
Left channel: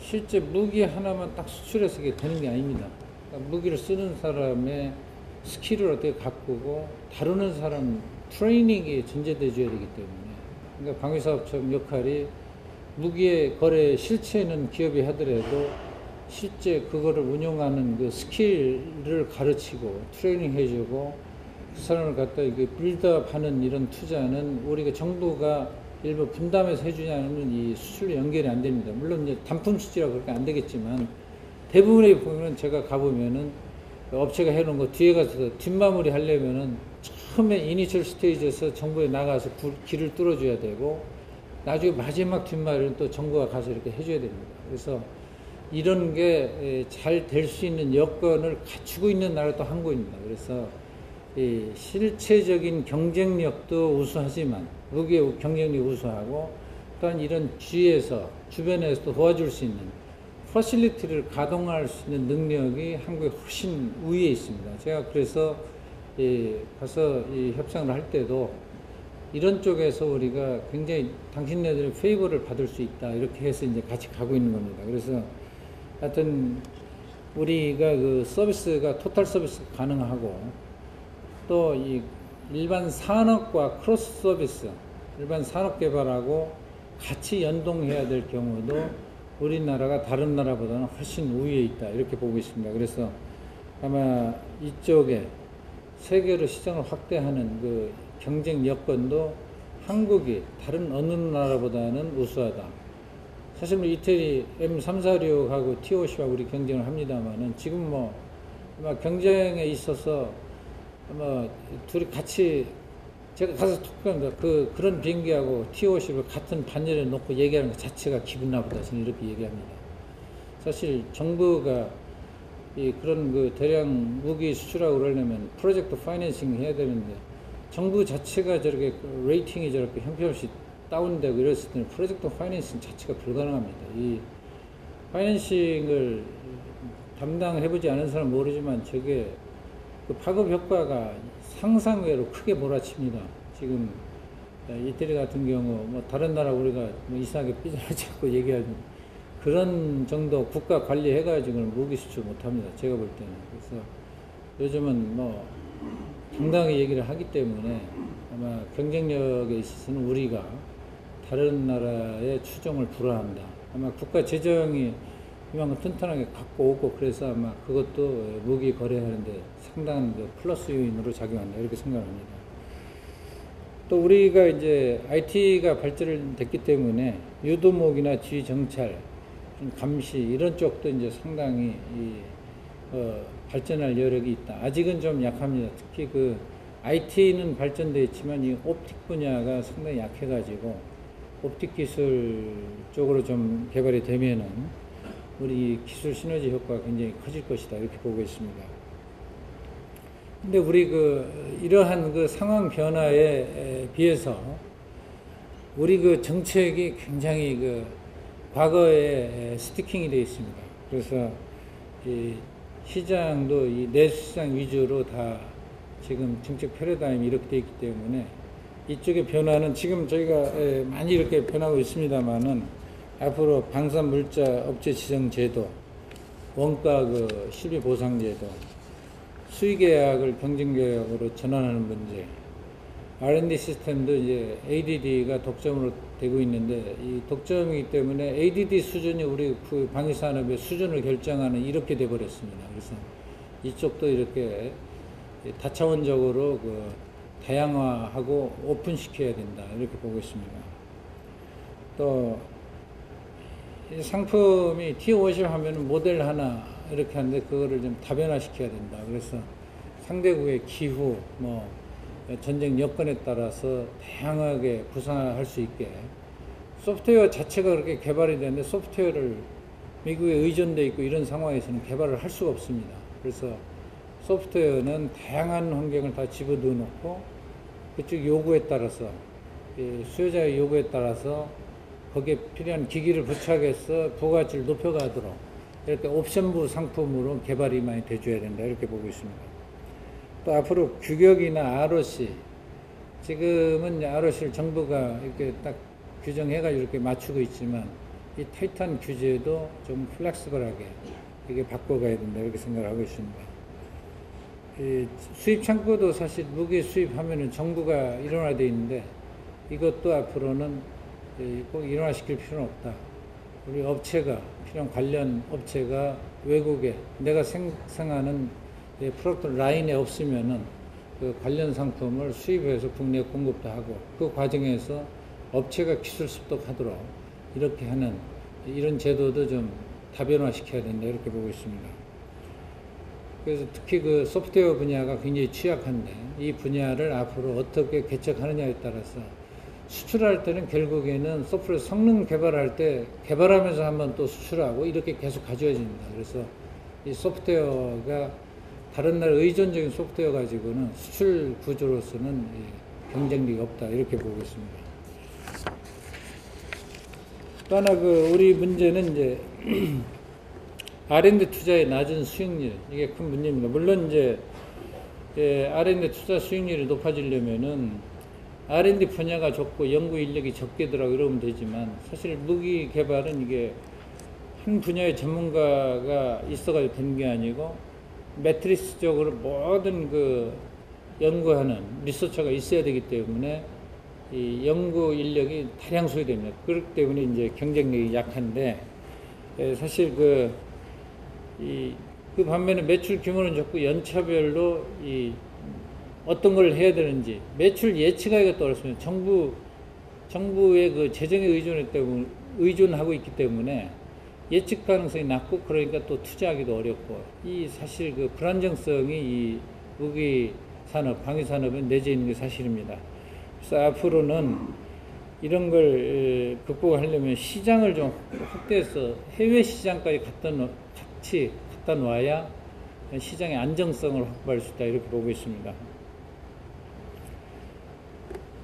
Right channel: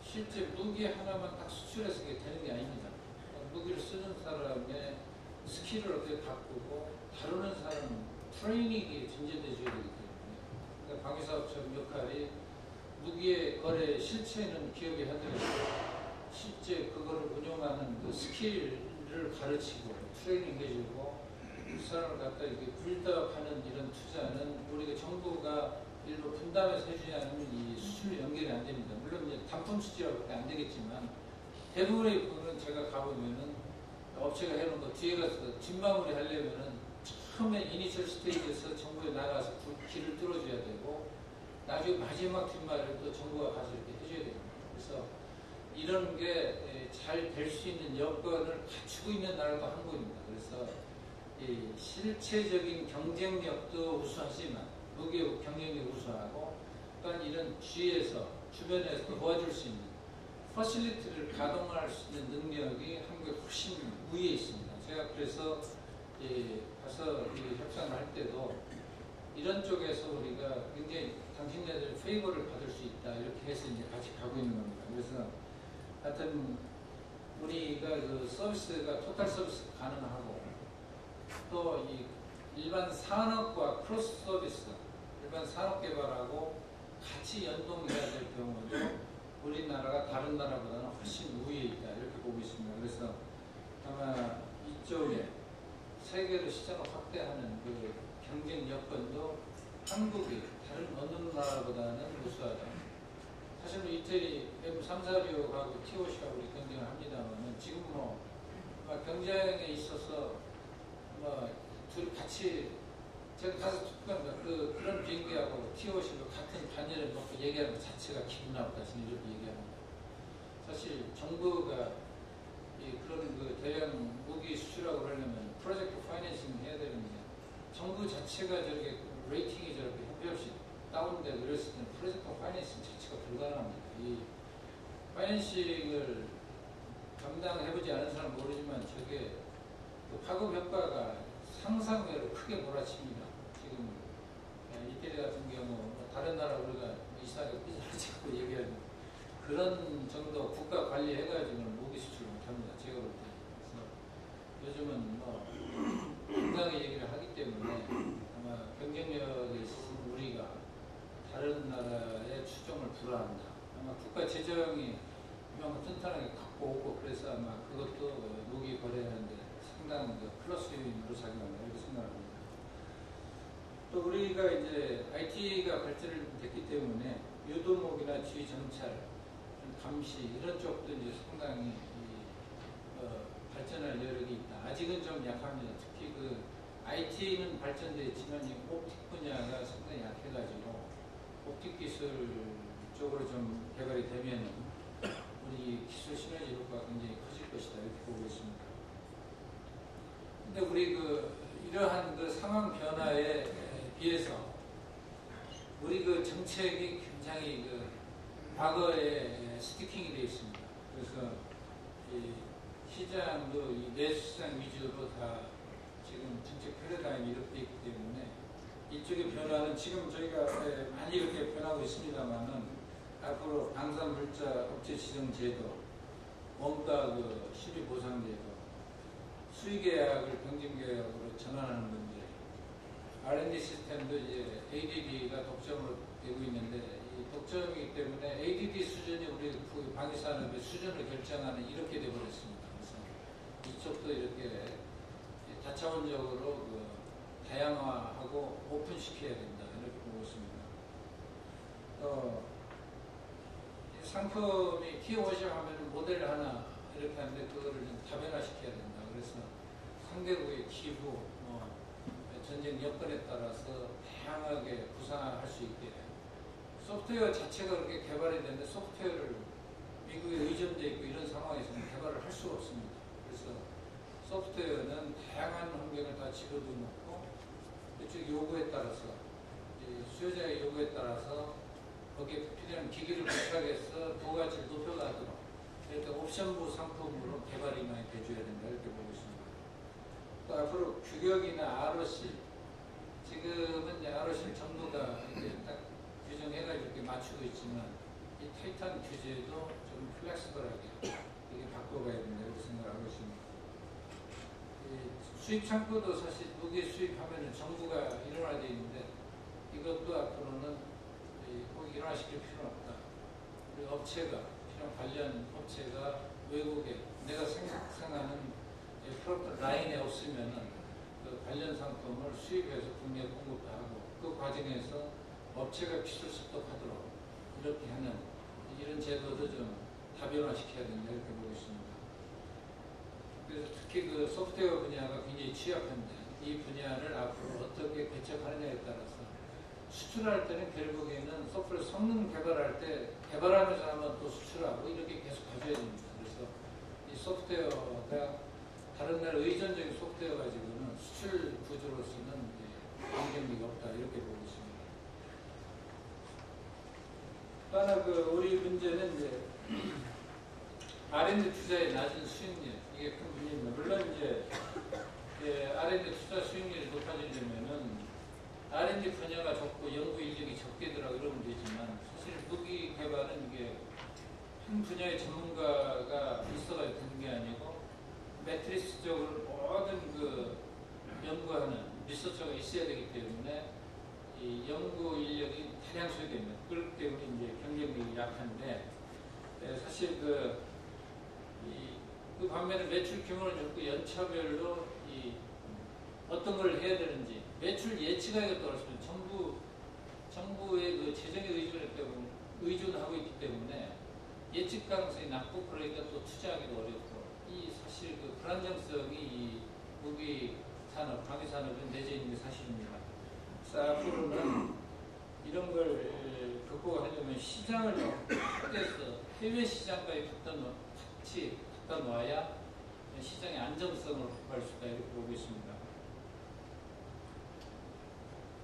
실제 무기 하나만 딱 수출해서 이게 되는 게 아닙니다. 그러니까 무기를 쓰는 사람의 스킬을 어떻게 바꾸고 다루는 사람 트레이닝이 전제되어야 되기 때문에 그러니까 방위사업청 역할이 무기의 거래 실체는 기업이 하더라도 실제 그거를 운영하는 그 스킬을 가르치고 트레이닝 해주고 사람을 갖다 이렇게 빌드업 하는 이런 투자는 우리가 정부가 일부 분담해서 해주냐는 이 수출로 연결이 안 됩니다. 물론 이제 단품 수지라고 그렇게 안 되겠지만 대부분의 보면 제가 가보면은 업체가 해놓은 거 뒤에 가서 뒷마무리 하려면은 처음에 이니셜 스테이지에서 정부에 나가서 길을 뚫어줘야 되고 나중에 마지막 뒷마무리는 또 정부가 가서 이렇게 해줘야 됩니다. 그래서 이런 게 잘 될 수 있는 여건을 갖추고 있는 나라도 한국입니다. 그래서 이 실체적인 경쟁력도 우수하지만 무기의 경쟁력이 우수하고 또한 이런 주변에서 도와줄 수 있는 퍼실리티를 가동할 수 있는 능력이 한국에 훨씬 우위에 있습니다. 제가 그래서 가서 이 협상을 할 때도 이런 쪽에서 우리가 굉장히 당신네들의 페이버를 받을 수 있다 이렇게 해서 이제 같이 가고 있는 겁니다. 그래서 하여튼 우리가 그 서비스가 토탈 서비스 가능하고 또 이 일반 산업과 크로스 서비스, 일반 산업 개발하고 같이 연동해야 될 경우도 우리나라가 다른 나라보다는 훨씬 우위에 있다 이렇게 보고 있습니다. 그래서 아마 이쪽에 세계로 시장을 확대하는 그 경쟁 여건도 한국이 다른 어느 나라보다는 우수하다. 사실 뭐 이태리 M346하고 T50하고 우리 경쟁을 합니다만은 지금 뭐 아마 경쟁에 있어서 아마 둘이 같이 제가 가서 그런 비행기하고 T50을 같은 반열에 놓고 얘기하는 것 자체가 기분 나쁘다. 저는 이렇게 얘기합니다. 사실 정부가 그런 그 대량 무기 수출하고 그러려면 프로젝트 파이낸싱 해야 되는데 정부 자체가 저렇게 레이팅이 저렇게 형편없이 다운되고 이랬을 때는 프로젝트 파이낸싱 자체가 불가능합니다. 이 파이낸싱을 담당해보지 않은 사람은 모르지만 저게 그 파급 효과가 상상외로 크게 몰아칩니다. 지금 이태리 같은 경우 뭐 다른 나라 우리가 뭐 이상하게 삐져나지 않고 얘기하는 그런 정도 국가 관리해가지고는 무기 수출 못합니다. 제가 볼 때는. 그래서 요즘은 뭐 당당하게 얘기를 하기 때문에 아마 경쟁력에 있어서는 우리가 다른 나라의 추종을 불허한다. 아마 국가 재정이 이만큼 튼튼하게 갖고 오고 그래서 아마 그것도 무기 거래하는데 상당한 플러스 요인으로 작용한다. 이렇게 생각합니다. 또 우리가 이제 IT가 발전됐기 때문에 유도목이나 지휘 정찰, 감시 이런 쪽도 이제 상당히 발전할 여력이 있다. 아직은 좀 약합니다. 특히 그 IT는 발전되어 있지만 이 옵틱 분야가 상당히 약해가지고 옵틱 기술 쪽으로 좀 개발이 되면은 우리 기술 시너지 효과가 굉장히 커질 것이다. 이렇게 보고 있습니다. 근데 우리 이러한 그 상황 변화에 비해서 우리 그 정책이 굉장히 과거에 스티킹이 되어 있습니다. 그래서 이 시장도 이 내수시장 위주로 다 지금 정책 패러다임이 이렇게 되어 있기 때문에 이쪽의 변화는 지금 저희가 많이 이렇게 변하고 있습니다만은 앞으로 방산물자 업체 지정 제도, 원가 실비 보상 제도, 수의계약을 경쟁계약으로 전환하는 문제, R&D 시스템도 이제 ADD가 독점으로 되고 있는데 이 독점이기 때문에 ADD 수준이 우리 그 방위산업의 수준을 결정하는 이렇게 돼 버렸습니다. 그래서 이쪽도 이렇게 다차원적으로 그 다양화하고 오픈시켜야 된다 이렇게 보고 있습니다. 또 이 상품이 T50 하면 모델 하나 이렇게 하는데 그거를 좀 다변화시켜야 된다. 그래서 상대국의 기후, 뭐 전쟁 여건에 따라서 다양하게 구사할 수 있게 소프트웨어 자체가 그렇게 개발이 되는데 소프트웨어를 미국에 의존되어 있고 이런 상황에서는 개발을 할 수가 없습니다. 그래서 소프트웨어는 다양한 환경을 다 집어넣어 놓고 그쪽 요구에 따라서 수요자의 요구에 따라서 거기에 필요한 기기를 부착해서 부가가치를 높여가도록 이렇게 옵션부 상품으로 개발이 많이 돼줘야 된다 이렇게 보고 있습니다. 또 앞으로 규격이나 ROC 지금은 ROC를 정부가 이렇게 딱 규정해가지고 이렇게 맞추고 있지만 이 타이탄 규제도 좀 플렉시블하게 이게 바꿔가야 된다 이렇게 생각을 하고 있습니다. 이 수입 창고도 사실 무기 수입하면은 정부가 일원화되어 있는데 이것도 앞으로는 꼭 일원화시킬 필요는 없다. 우리 업체가 필요한 관련 업체가 외국에 내가 생산하는 프로덕트 라인에 없으면은 그 관련 상품을 수입해서 국내 공급도 하고 그 과정에서 업체가 기술 습득하도록 이렇게 하는 이런 제도도 좀 다변화시켜야 된다 이렇게 보고 있습니다. 그래서 특히 그 소프트웨어 분야가 굉장히 취약한데 이 분야를 앞으로 어떻게 개척하느냐에 따라서 수출할 때는 결국에는 소프트웨어 성능 개발할 때 개발하면서 한번 또 수출하고 이렇게 계속 가져야 됩니다. 그래서 이 소프트웨어가 다른 나라 의존적인 소프트웨어 가지고는 수출 구조로서는 경쟁력이 없다 이렇게 보고 있습니다. 또 하나 그 우리 문제는 이제 R&D 투자의 낮은 수익률 이게 큰 문제입니다. 물론 이제 R&D 투자 수익률이 높아지려면은 R&D 분야가 적고 연구 인력이 적게 들어가고 이러면 되지만 사실 무기 개발은 이게 한 분야의 전문가가 있어가지고 되는 게 아니고 매트리스적으로 모든 그 연구하는 리서처가 있어야 되기 때문에 이 연구 인력이 다량 소요됩니다. 그렇기 때문에 이제 경쟁력이 약한데 사실 그 반면에 매출 규모는 적고 연차별로 어떤 걸 해야 되는지 매출 예측하기가 어렵습니다. 정부의 그 재정에 의존하고 있기 때문에 예측 가능성이 낮고 그러니까 또 투자하기도 어렵고 이 사실 그 불안정성이 이 무기 산업, 방위 산업에 내재 있는 게 사실입니다. 그래서 앞으로는 이런 걸 극복하려면 시장을 좀 확대해서 해외 시장까지 같이 갖다 놔야 시장의 안정성을 확보할 수 있다 이렇게 보고 있습니다.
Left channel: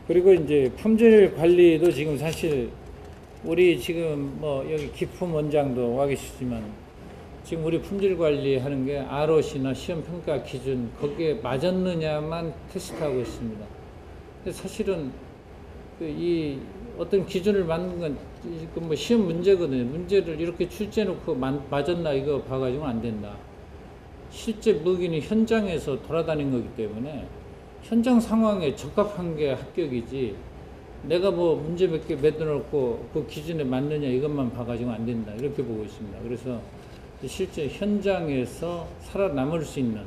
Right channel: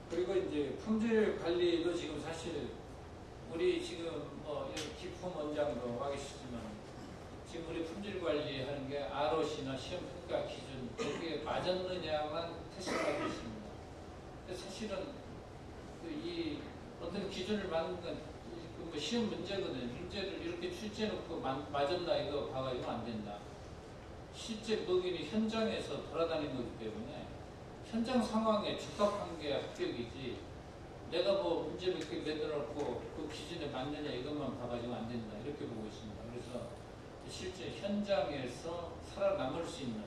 그리고 이제 품질 관리도 지금 사실 우리 지금 뭐 여기 기품 원장도 와 계시지만 지금 우리 품질 관리하는 게 ROC나 시험 평가 기준 거기에 맞았느냐만 테스트하고 있습니다. 근데 사실은 이 어떤 기준을 맞는 건 뭐 시험 문제거든요. 문제를 이렇게 출제해놓고 맞았나 이거 봐가지고는 안 된다. 실제 무기는 현장에서 돌아다닌 거기 때문에 현장 상황에 적합한 게 합격이지 내가 뭐 문제 몇 개 만들어놓고 그 기준에 맞느냐 이것만 봐가지고 안 된다 이렇게 보고 있습니다. 그래서 실제 현장에서 살아남을 수 있는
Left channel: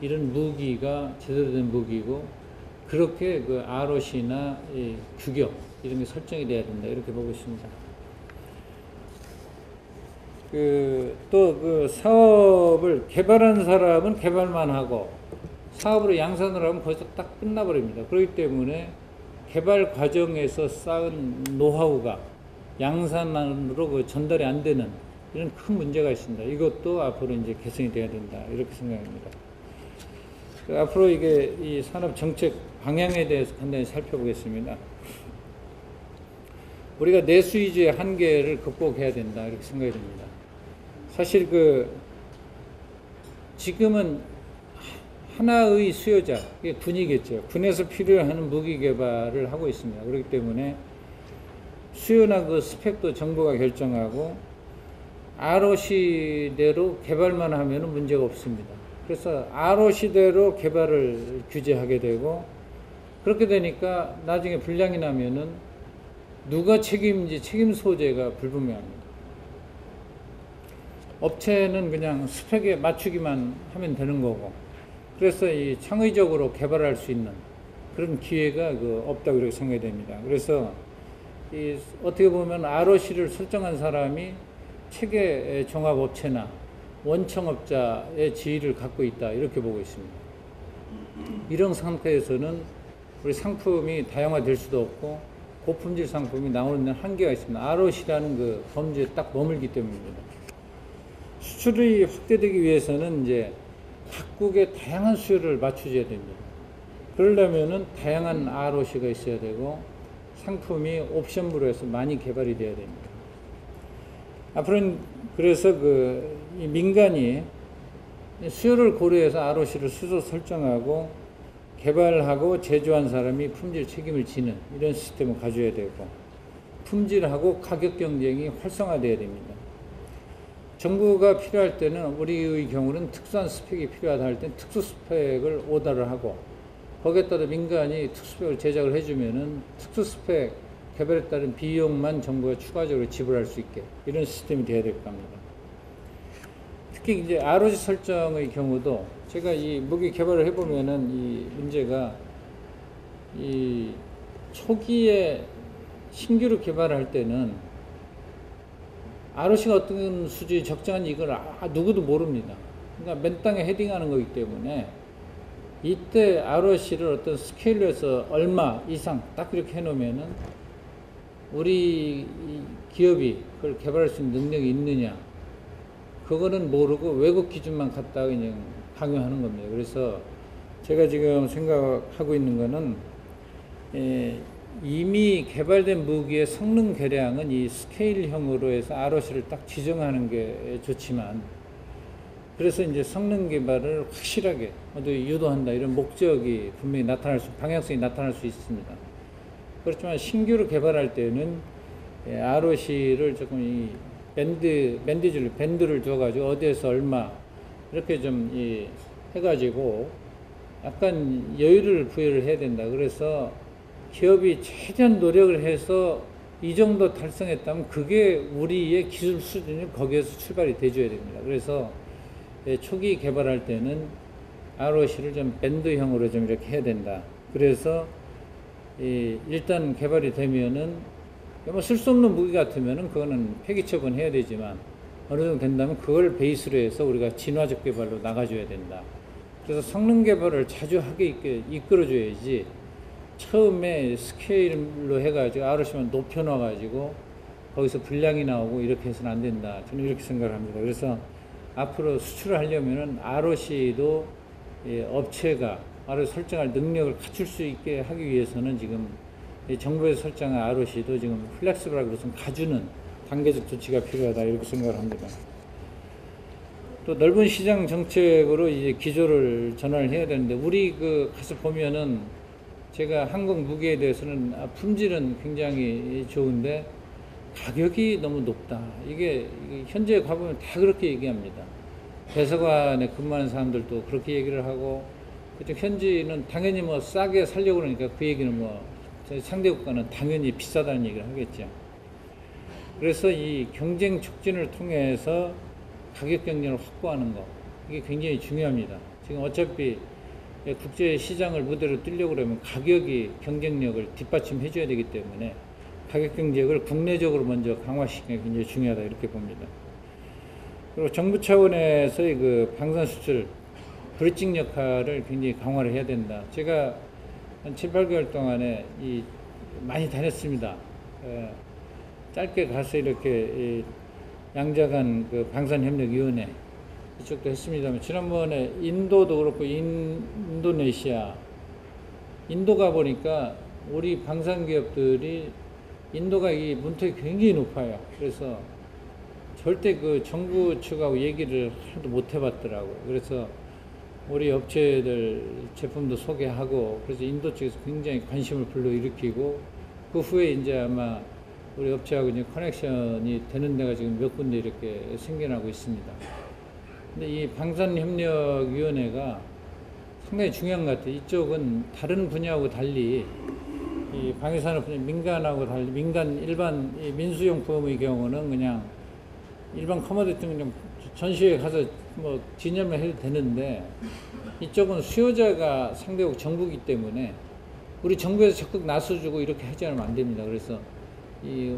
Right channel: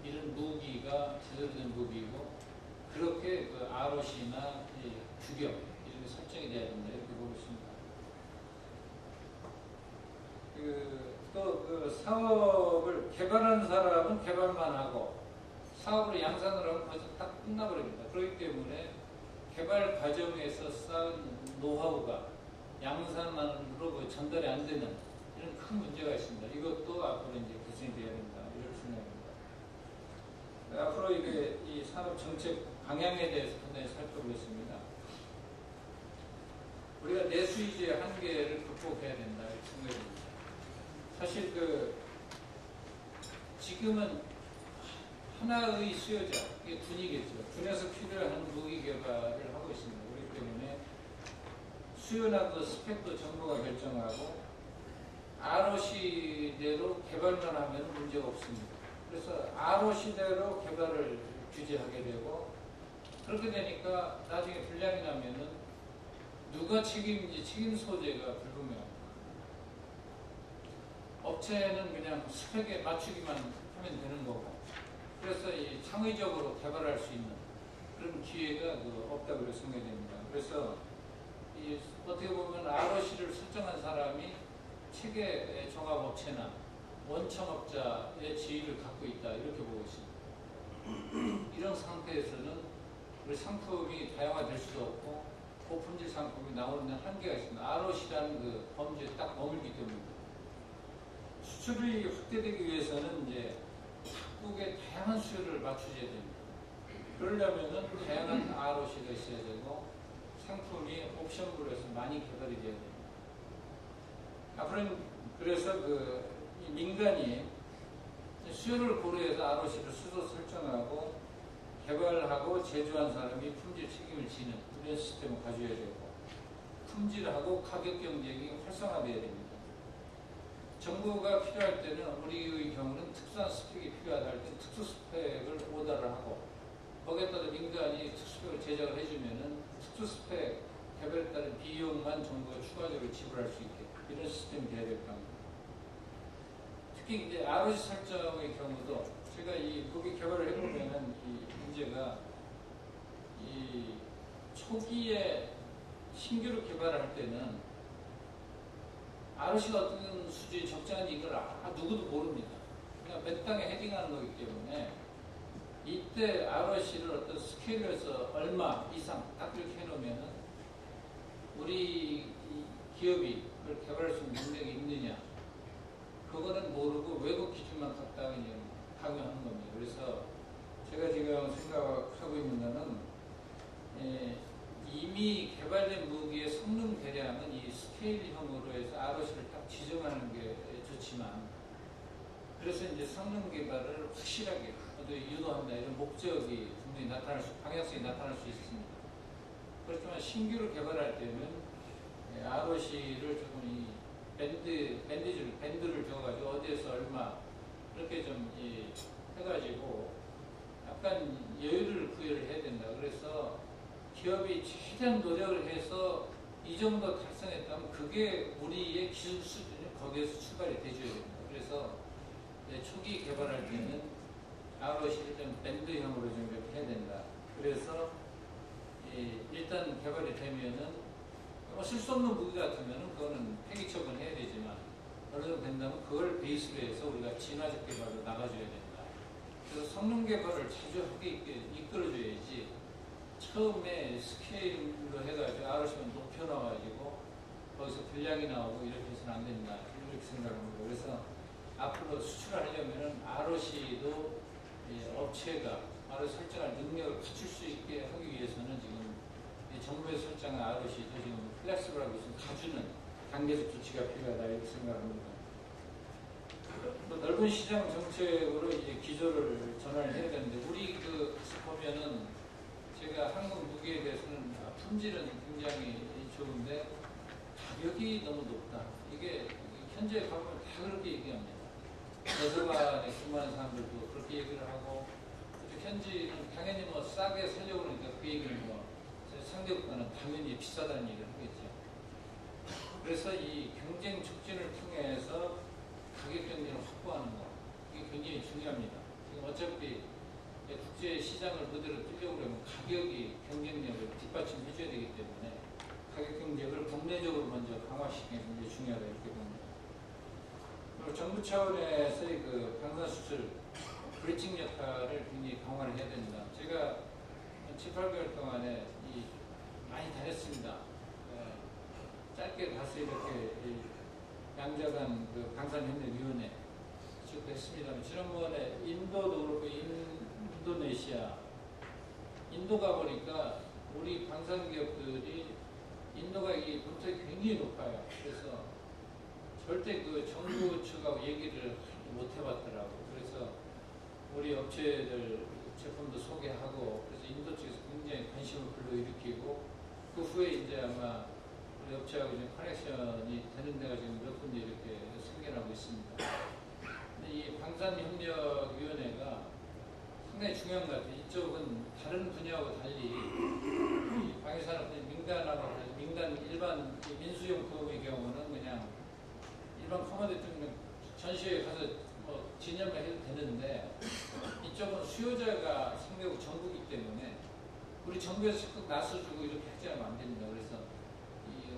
이런 무기가 제대로 된 무기고 그렇게 그 ROC나 규격 이런 게 설정이 돼야 된다 이렇게 보고 있습니다. 또 그 사업을 개발하는 사람은 개발만 하고 사업으로 양산을 하면 거기서 딱 끝나버립니다. 그렇기 때문에 개발 과정에서 쌓은 노하우가 양산으로 그 전달이 안 되는 이런 큰 문제가 있습니다. 이것도 앞으로 이제 개선이 돼야 된다 이렇게 생각합니다. 앞으로 이게 이 산업 정책 방향에 대해서 간단히 살펴보겠습니다. 우리가 내수 위주의 한계를 극복해야 된다 이렇게 생각이 됩니다. 사실 지금은 하나의 수요자, 이게 군이겠죠. 군에서 필요한 무기 개발을 하고 있습니다. 그렇기 때문에 수요나 그 스펙도 정부가 결정하고 ROC대로 개발만 하면 문제가 없습니다. 그래서 ROC대로 개발을 규제하게 되고 그렇게 되니까 나중에 불량이 나면은 누가 책임인지 책임 소재가 불분명합니다. 업체는 그냥 스펙에 맞추기만 하면 되는 거고, 그래서 이 창의적으로 개발할 수 있는 그런 기회가 없다고 그렇게 생각이 됩니다. 그래서 어떻게 보면 ROC를 설정한 사람이 체계 종합업체나 원청업자의 지위를 갖고 있다, 이렇게 보고 있습니다. 이런 상태에서는 우리 상품이 다양화될 수도 없고 고품질 상품이 나오는 한계가 있습니다. ROC라는 그 범주에 딱 머물기 때문입니다. 수출이 확대되기 위해서는 이제 각국의 다양한 수요를 맞춰줘야 됩니다. 그러려면은 다양한 ROC가 있어야 되고 상품이 옵션으로 해서 많이 개발이 돼야 됩니다. 앞으로는 그래서 이 민간이 수요를 고려해서 ROC를 스스로 설정하고 개발하고 제조한 사람이 품질 책임을 지는 이런 시스템을 가져야 되고, 품질하고 가격 경쟁이 활성화돼야 됩니다. 정부가 필요할 때는, 우리의 경우는 특수한 스펙이 필요하다 할 때는 특수 스펙을 오더를 하고, 거기에 따라 민간이 특수 스펙을 제작을 해주면은 특수 스펙 개발에 따른 비용만 정부가 추가적으로 지불할 수 있게, 이런 시스템이 돼야 될 겁니다. 특히 이제 ROC 설정의 경우도 제가 이 무기 개발을 해보면은 이 문제가, 이 초기에 신규로 개발할 때는 ROC가 어떤 수준이 적정한지 이걸 누구도 모릅니다. 그러니까 맨 땅에 헤딩하는 거기 때문에 이때 ROC를 어떤 스케일에서 얼마 이상 딱 그렇게 해놓으면은 우리 기업이 그걸 개발할 수 있는 능력이 있느냐, 그거는 모르고 외국 기준만 갖다가 그냥 강요하는 겁니다. 그래서 제가 지금 생각하고 있는 거는, 이미 개발된 무기의 성능 개량은 이 스케일형으로 해서 ROC를 딱 지정하는 게 좋지만, 그래서 이제 성능 개발을 확실하게 유도한다, 이런 목적이 분명히 방향성이 나타날 수 있습니다. 그렇지만 신규로 개발할 때는 ROC를 조금 이 밴드를 줘가지고 어디에서 얼마 이렇게 좀 해가지고 약간 여유를 부여를 해야 된다. 그래서 기업이 최대한 노력을 해서 이 정도 달성했다면 그게 우리의 기술 수준이 거기에서 출발이 돼줘야 됩니다. 그래서 초기 개발할 때는 ROC를 좀 밴드형으로 좀 이렇게 해야 된다. 그래서 일단 개발이 되면은 뭐 쓸 수 없는 무기 같으면은 그거는 폐기 처분해야 되지만, 어느 정도 된다면 그걸 베이스로 해서 우리가 진화적 개발로 나가줘야 된다. 그래서 성능 개발을 자주 하게 이끌어줘야지, 처음에 스케일로 해가지고 ROC만 높여놔가지고 거기서 불량이 나오고 이렇게 해서는 안 된다. 저는 이렇게 생각합니다. 그래서 앞으로 수출을 하려면은 ROC도 업체가 ROC 설정할 능력을 갖출 수 있게 하기 위해서는 지금 정부에서 설정한 ROC도 지금 플렉스블하게 우선 가주는 단계적 조치가 필요하다, 이렇게 생각을 합니다. 또 넓은 시장 정책으로 이제 기조를 전환을 해야 되는데, 우리 가서 보면은 제가 한국 무기에 대해서는 품질은 굉장히 좋은데 가격이 너무 높다. 이게 현재 가보면 다 그렇게 얘기합니다. 대사관에 근무하는 사람들도 그렇게 얘기를 하고, 그쪽 현지는 당연히 뭐 싸게 살려고 그러니까 그 얘기는 뭐 상대 국가는 당연히 비싸다는 얘기를 하겠죠. 그래서 이 경쟁 촉진을 통해서 가격 경쟁을 확보하는 거, 이게 굉장히 중요합니다. 지금 어차피 국제 시장을 무대로 뛰려고 그러면 가격이 경쟁력을 뒷받침해 줘야 되기 때문에 가격 경쟁을 국내적으로 먼저 강화시키는 게 굉장히 중요하다, 이렇게 봅니다. 그리고 정부 차원에서의 방산 수출 브리징 역할을 굉장히 강화를 해야 된다. 제가 한 7, 8개월 동안에 많이 다녔습니다. 짧게 가서 이렇게 양자간 방산협력위원회 이쪽도 했습니다만, 지난번에 인도도 그렇고 인도네시아, 인도 가보니까 우리 방산기업들이, 인도가 이 문턱이 굉장히 높아요. 그래서 절대 정부 측하고 얘기를 하나도 못 해봤더라고요. 그래서 우리 업체들 제품도 소개하고, 그래서 인도 쪽에서 굉장히 관심을 불러일으키고, 그 후에 이제 아마 우리 업체하고 이제 커넥션이 되는 데가 지금 몇 군데 이렇게 생겨나고 있습니다. 근데 이 방산협력위원회가 상당히 중요한 것 같아요. 이쪽은 다른 분야하고 달리 이 방위산업 민간하고 달리 민간 일반 이 민수용품의 경우는 그냥 일반 커머디티 그냥 전시회 가서 뭐 기념을 해도 되는데 이쪽은 수요자가 상대국 정부이기 때문에 우리 정부에서 적극 나서주고 이렇게 하지 않으면 안 됩니다. 그래서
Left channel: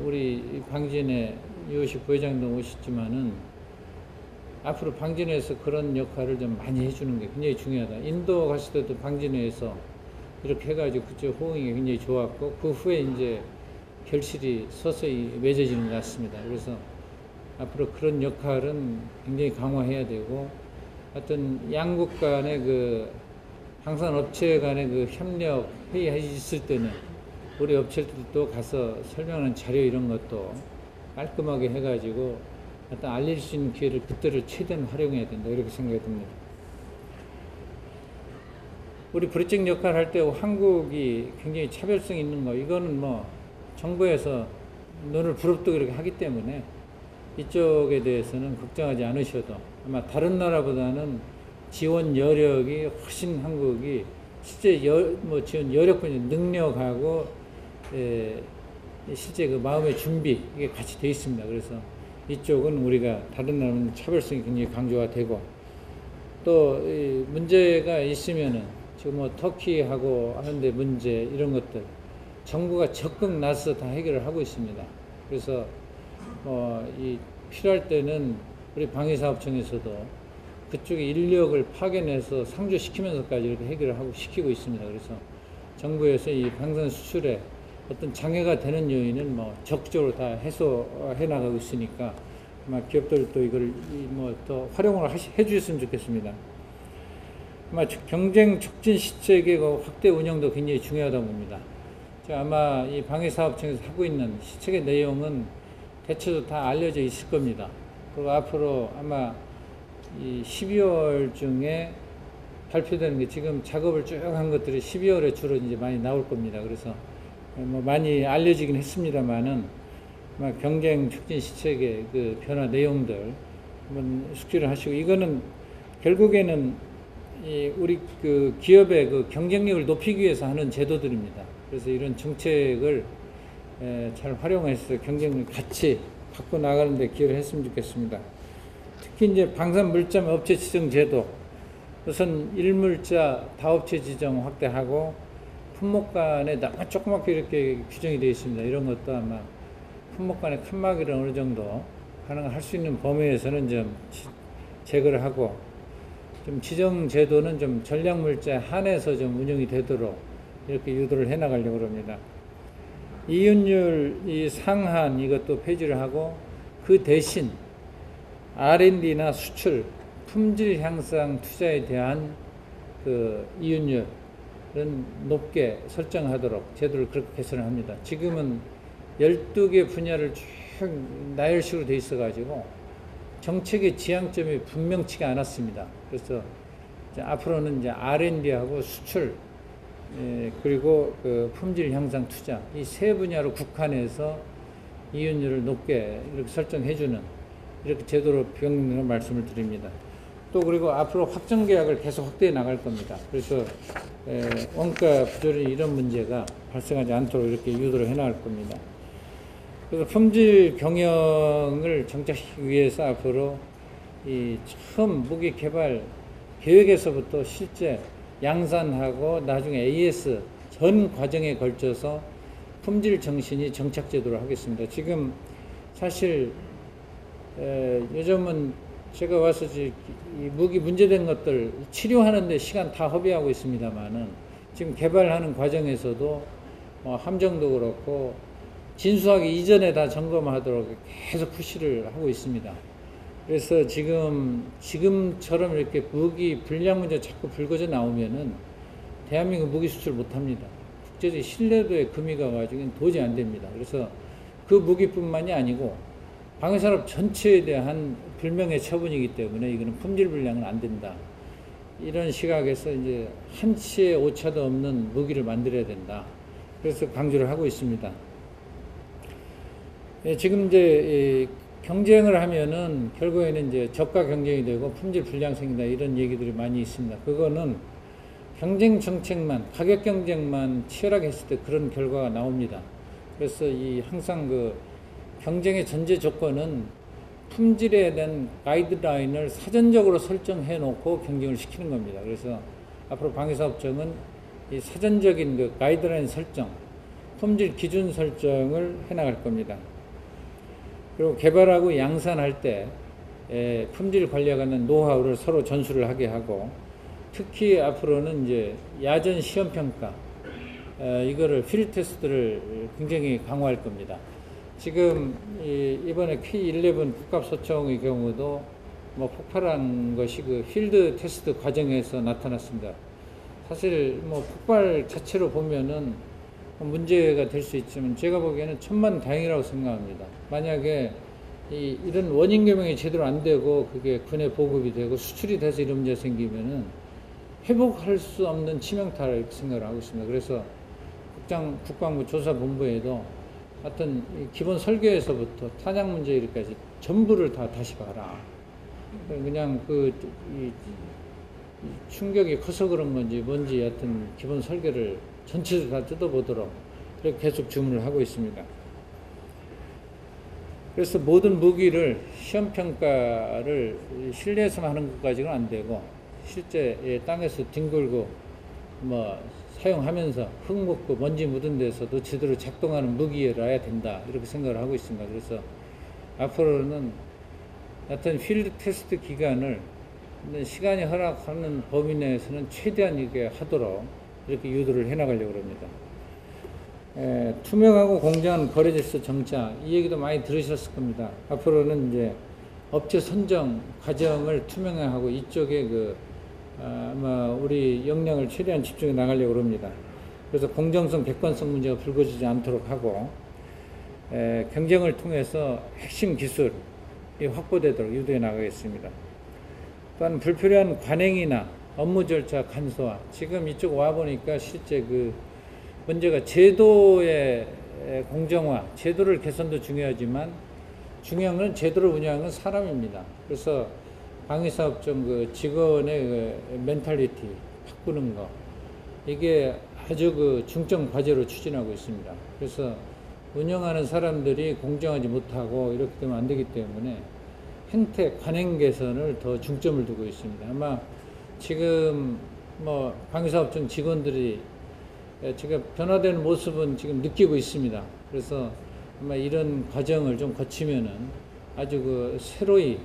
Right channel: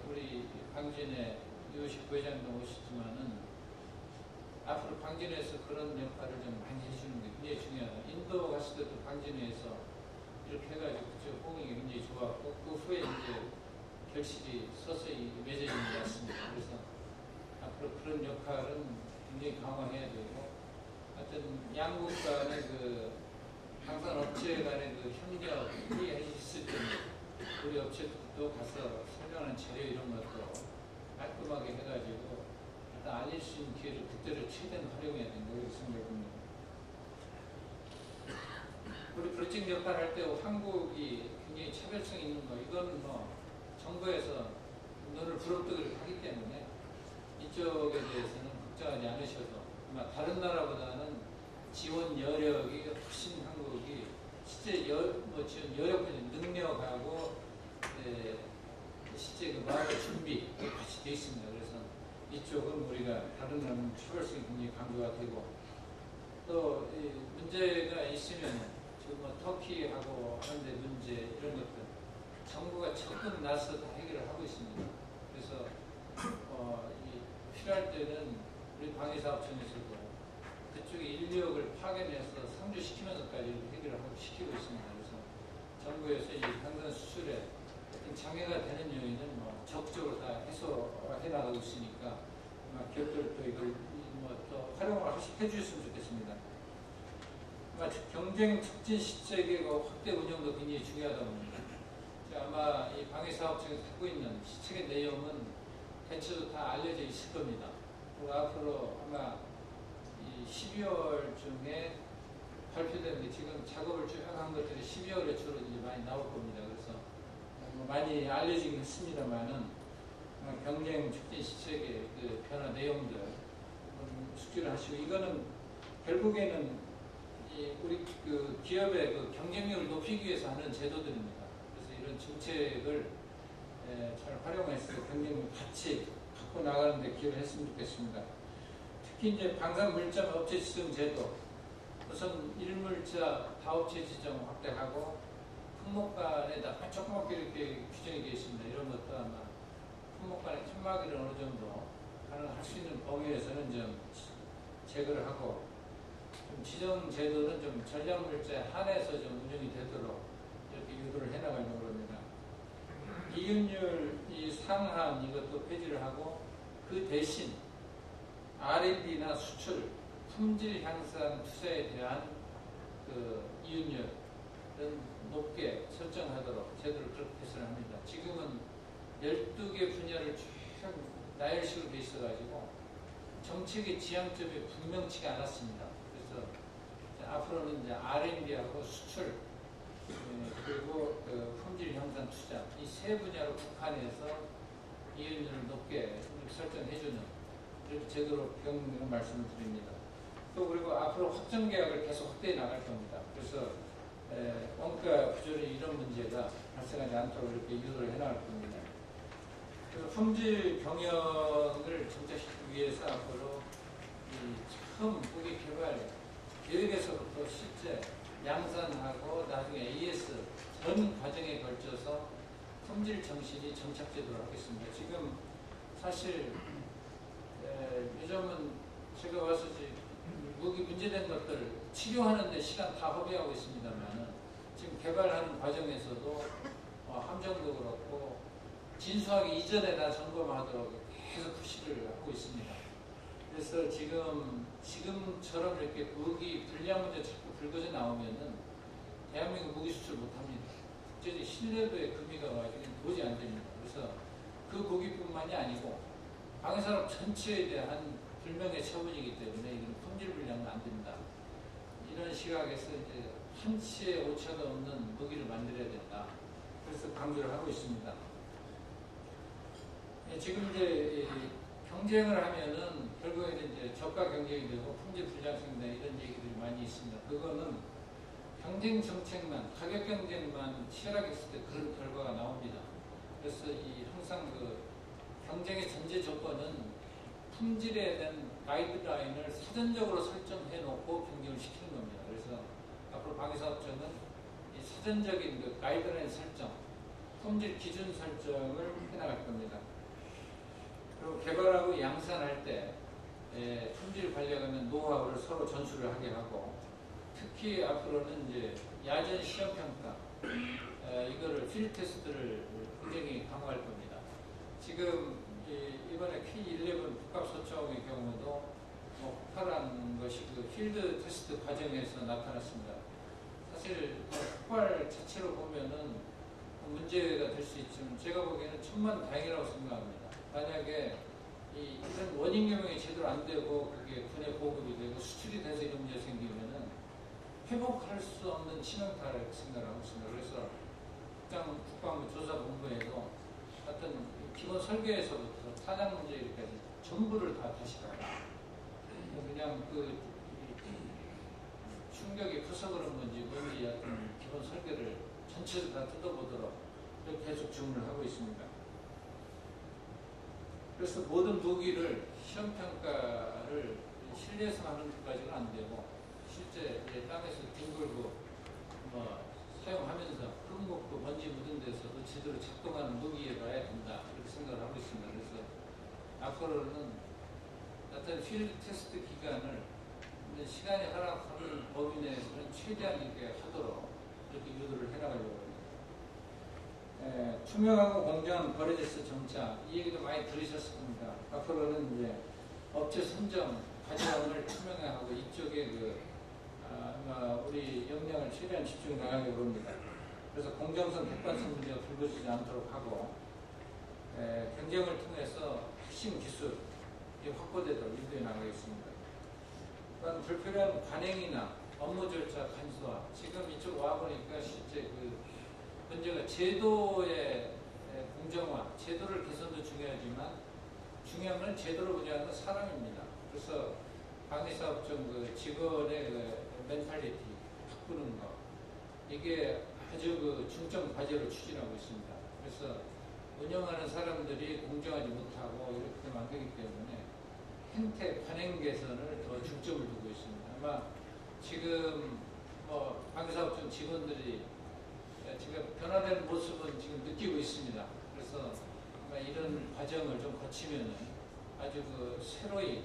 우리 방진의 유호식 부회장도 오셨지만은 앞으로 방진에서 그런 역할을 좀 많이 해주는 게 굉장히 중요하다. 인도 갔을 때도 방진회에서 이렇게 해가지고 그쪽 호응이 굉장히 좋았고 그 후에 이제 결실이 서서히 맺어지는 것 같습니다. 그래서 앞으로 그런 역할은 굉장히 강화해야 되고 하여튼 양국 간의 그 방산 업체 간의 그 협력 회의 있을 때는 우리 업체들도 가서 설명하는 자료 이런 것도 깔끔하게 해가지고 하여튼 알릴 수 있는 기회를 그때를 최대한 활용해야 된다 이렇게 생각이 듭니다. 우리 브리징 역할 할 때 한국이 굉장히 차별성 있는 거 이거는 뭐 정부에서 눈을 부릅뜨고 이렇게 하기 때문에 이쪽에 대해서는 걱정하지 않으셔도 아마 다른 나라보다는 지원 여력이 훨씬 한국이 실제 지원 여력뿐이 능력하고 실제 그 마음의 준비 이게 같이 돼 있습니다. 그래서 이쪽은 우리가 다른 나라는 차별성이 굉장히 강조가 되고 또 문제가 있으면은 지금 뭐 터키하고 하는데 문제 이런 것들 정부가 적극 나서 다 해결을 하고 있습니다. 그래서 필요할 때는 우리 방위사업청에서도 그쪽에 인력을 파견해서 상주시키면서까지 이렇게 해결을 하고 시키고 있습니다. 그래서 정부에서 이 방산 수출에 어떤 장애가 되는 요인은 뭐 적극적으로 다 해소해 나가고 있으니까 아마 기업들도 이걸 더 활용을 해주셨으면 좋겠습니다. 아마 경쟁 촉진 시책의 확대 운영도 굉장히 중요하다고 봅니다. 아마 이 방위사업청에서 하고 있는 시책의 내용은 대체로 다 알려져 있을 겁니다. 그리고 앞으로 아마 이 12월 중에 발표되는 게 지금 작업을 쭉 한 것들이 12월에 주로 이제 많이 나올 겁니다. 그래서 뭐 많이 알려지긴 했습니다만은 아마 경쟁 촉진 시책의 그 변화 내용들 한번 숙지를 하시고 이거는 결국에는 우리 그 기업의 그 경쟁력을 높이기 위해서 하는 제도들입니다. 그래서 이런 정책을 잘 활용해서 경쟁력 같이 갖고 나가는 데 기여를 했으면 좋겠습니다. 특히 이제 방산물점 업체 지정 제도 우선 일물자 다업체 지정 확대하고 품목 간에 너무 조그맣게 이렇게 규정이 되어 있습니다. 이런 것도 아마 품목 간의 칸막이를 어느 정도 가능할 수 있는 범위에서는 좀 제거를 하고 좀 지정 제도는 좀 전략물자에 한해서 좀 운영이 되도록 이렇게 유도를 해 나가려고 합니다. 이윤율 이 상한 이것도 폐지를 하고 그 대신 R&D나 수출, 품질 향상 투자에 대한 그 이윤율은 높게 설정하도록 제도를 그렇게 개선을 합니다. 지금은 12개 분야를 쭉 나열식으로 돼 있어가지고 정책의 지향점이 분명치가 않았습니다. 그래서 이제 앞으로는 이제 R&D하고 수출, 그리고 그 품질 향상 투자 이 세 분야로 국한해서 이윤율을 높게 이렇게 설정해주는 이렇게 제도로 변경을 말씀을 드립니다. 또 그리고 앞으로 확정 계약을 계속 확대해 나갈 겁니다. 그래서 원가 부조리 이런 문제가 발생하지 않도록 이렇게 유도를 해 나갈 겁니다. 그래서 품질 경영을 정착시키기 위해서 앞으로 이 처음 무기 개발 계획에서부터 실제 양산하고 나중에 AS 전 과정에 걸쳐서 품질 정신이 정착 제도를 하겠습니다. 지금 사실 요즘은 제가 와서 이 무기 문제된 것들 치료하는데 시간 다 허비하고 있습니다만은 지금 개발하는 과정에서도 함정도 그렇고 진수하기 이전에 다 점검하도록 계속 푸시를 하고 있습니다. 그래서 지금처럼 이렇게 무기 불량 문제 자꾸 불거져 나오면은 대한민국 무기 수출 못 합니다. 국제적 신뢰도에 금이 가가지고 도저히 안 됩니다. 그래서 그 무기뿐만이 아니고 방위산업 전체에 대한 불명예 처분이기 때문에 이거는 품질 불량은 안 된다. 이런 시각에서 이제 한치의 오차도 없는 무기를 만들어야 된다. 그래서 강조를 하고 있습니다. 지금 이제 경쟁을 하면은 결국에는 이제 저가 경쟁이 되고 품질 불량 생긴다 이런 얘기들이 많이 있습니다. 그거는 경쟁 정책만, 가격 경쟁만 치열하게 했을 때 그런 결과가 나옵니다. 그래서 항상 그 경쟁의 전제 조건은 품질에 대한 가이드라인을 사전적으로 설정해 놓고 경쟁을 시키는 겁니다. 그래서 앞으로 방위사업청은 이 사전적인 그 가이드라인 설정, 품질 기준 설정을 해 나갈 겁니다. 그리고 개발하고 양산할 때 품질 관리에 관한 노하우를 서로 전수를 하게 하고, 특히 앞으로는 이제 야전 시험 평가, 이거를 필드 테스트를 굉장히 강화할 겁니다. 지금 이번에 K11 국갑소총의 경우도 뭐 폭발한 것이 그 필드 테스트 과정에서 나타났습니다. 사실 뭐 폭발 자체로 보면은 문제가 될 수 있지만 제가 보기에는 천만다행이라고 생각합니다. 만약에 이런 원인 교명이 제대로 안 되고 그게 군에 보급이 되고 수출이 돼서 이런 문제가 생기면은 회복할 수 없는 치명타라 이렇게 생각을 하고 있습니다. 그래서 국방부 조사본부에도 하여튼 기본 설계에서부터 탄약 문제 이렇게까지 전부를 다 다시 봐라. 그냥 이 충격이 커서 그런 건지 뭔지 하여튼 기본 설계를 전체를 다 뜯어보도록 그렇게 계속 주문을 하고 있습니다. 그래서 모든 무기를 시험평가를 실내에서만 하는 것까지는 안 되고 실제 땅에서 뒹굴고 뭐 사용하면서 흙 묻고 먼지 묻은 데서도 제대로 작동하는 무기라야 된다 이렇게 생각을 하고 있습니다. 그래서 앞으로는 어떤 필드 테스트 기간을 시간이 허락하는 범위 내에서는 최대한 이게 하도록 이렇게 유도를 해나가려고 합니다. 투명하고 공정한 거래 질서 정착, 이 얘기도 많이 들으셨을 겁니다. 앞으로는 이제 업체 선정 과정을 투명화하고 이쪽에 아마 우리 역량을 최대한 집중해 나가려고 합니다. 그래서 공정성, 객관성 문제가 불거지지 않도록 하고, 경쟁을 통해서 핵심 기술이 확보되도록 유도해 나가겠습니다. 또한 불필요한 관행이나 업무 절차 간소화, 지금 이쪽 와보니까 실제 문제가 제도의 공정화, 제도를 개선도 중요하지만 중요한 건 제도를 운영하는 건 사람입니다. 그래서 방위사업청 직원의 멘탈리티 바꾸는 거, 이게 아주 중점 과제로 추진하고 있습니다. 그래서 운영하는 사람들이 공정하지 못하고 이렇게 되면 안 되기 때문에 행태, 관행 개선을 더 중점을 두고 있습니다. 아마 지금 방위사업청 직원들이 제가 변화되는 모습은 지금 느끼고 있습니다. 그래서 아마 이런 과정을 좀 거치면은 아주 새로이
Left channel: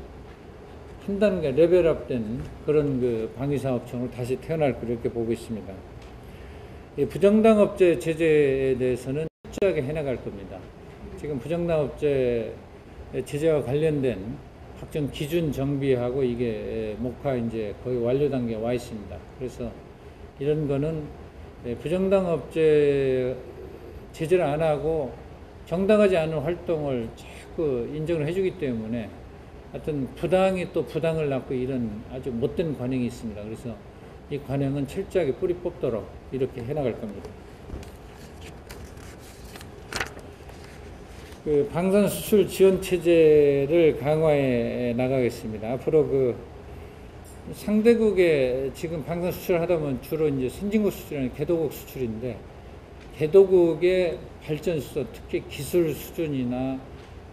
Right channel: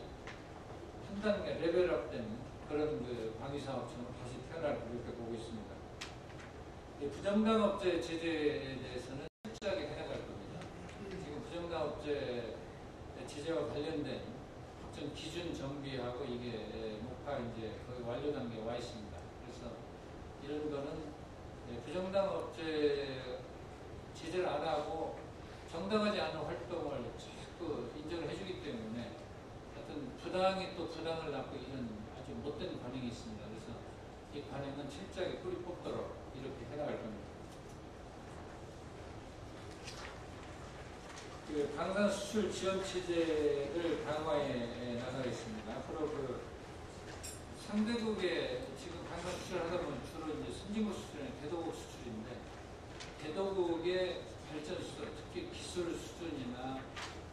한 단계 레벨업된 그런 방위사업청으로 다시 태어날 그렇게 보고 있습니다. 이 부정당 업체 제재에 대해서는 철저하게 해나갈 겁니다. 지금 부정당 업체 제재와 관련된 각종 기준 정비하고 이게 목화 이제 거의 완료 단계에 와 있습니다. 그래서 이런 거는 부정당 업체 제재를 안 하고 정당하지 않은 활동을 자꾸 인정을 해주기 때문에 하여튼 부당이 또 부당을 낳고 이런 아주 못된 관행이 있습니다. 그래서 이 관행은 철저하게 뿌리 뽑도록 이렇게 해나갈 겁니다. 방산 수출 지원 체제를 강화해 나가겠습니다. 앞으로 상대국에 지금 방산 수출을 하다 보면 주로 이제 선진국 수출이 개도국 수출인데, 개도국의 발전 수준, 특히 기술 수준이나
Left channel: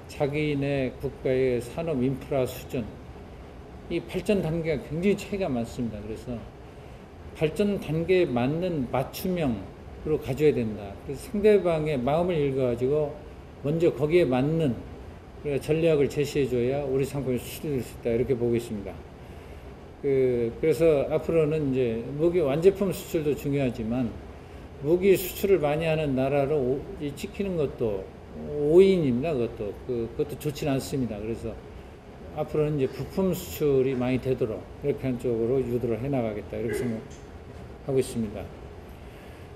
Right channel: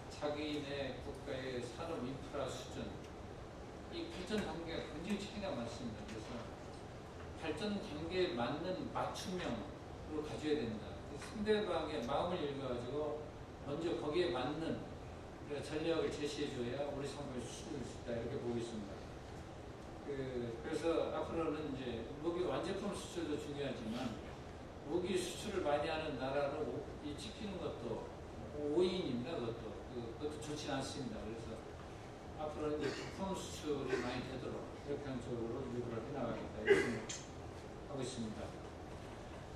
자기네 국가의 산업 인프라 수준, 이 발전 단계가 굉장히 차이가 많습니다. 그래서 발전 단계에 맞는 맞춤형으로 가져야 된다. 그래서 상대방의 마음을 읽어가지고 먼저 거기에 맞는 전략을 제시해줘야 우리 상품이 수출될 수 있다 이렇게 보고 있습니다. 그래서 앞으로는 이제 무기 완제품 수출도 중요하지만 무기 수출을 많이 하는 나라로 찍히는 것도 오인입니다. 그것도 좋지는 않습니다. 그래서 앞으로는 이제 부품 수출이 많이 되도록 이렇게 한쪽으로 유도를 해나가겠다 이렇게 생각하고 있습니다.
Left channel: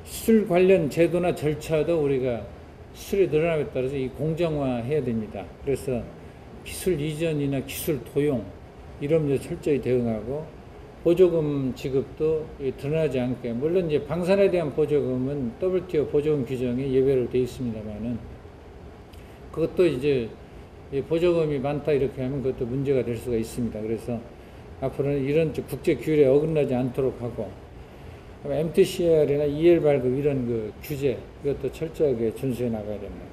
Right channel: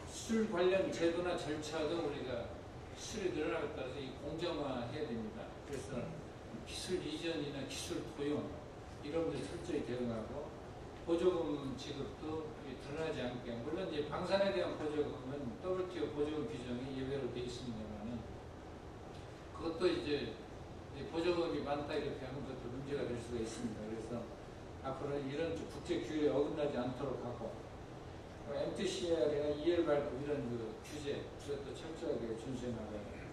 수출 관련 제도나 절차도 우리가 수출이 늘어남에 따라서 이 공정화해야 됩니다. 그래서 기술 이전이나 기술 도용 이런 문제 철저히 대응하고, 보조금 지급도 드러나지 않게, 물론 이제 방산에 대한 보조금은 WTO 보조금 규정에 예외로 되어 있습니다만은 그것도 이제 보조금이 많다 이렇게 하면 그것도 문제가 될 수가 있습니다. 그래서 앞으로는 이런 국제 규율에 어긋나지 않도록 하고, MTCR이나 EL 발급 이런 그 규제 이것도 철저하게 준수해 나가야 됩니다.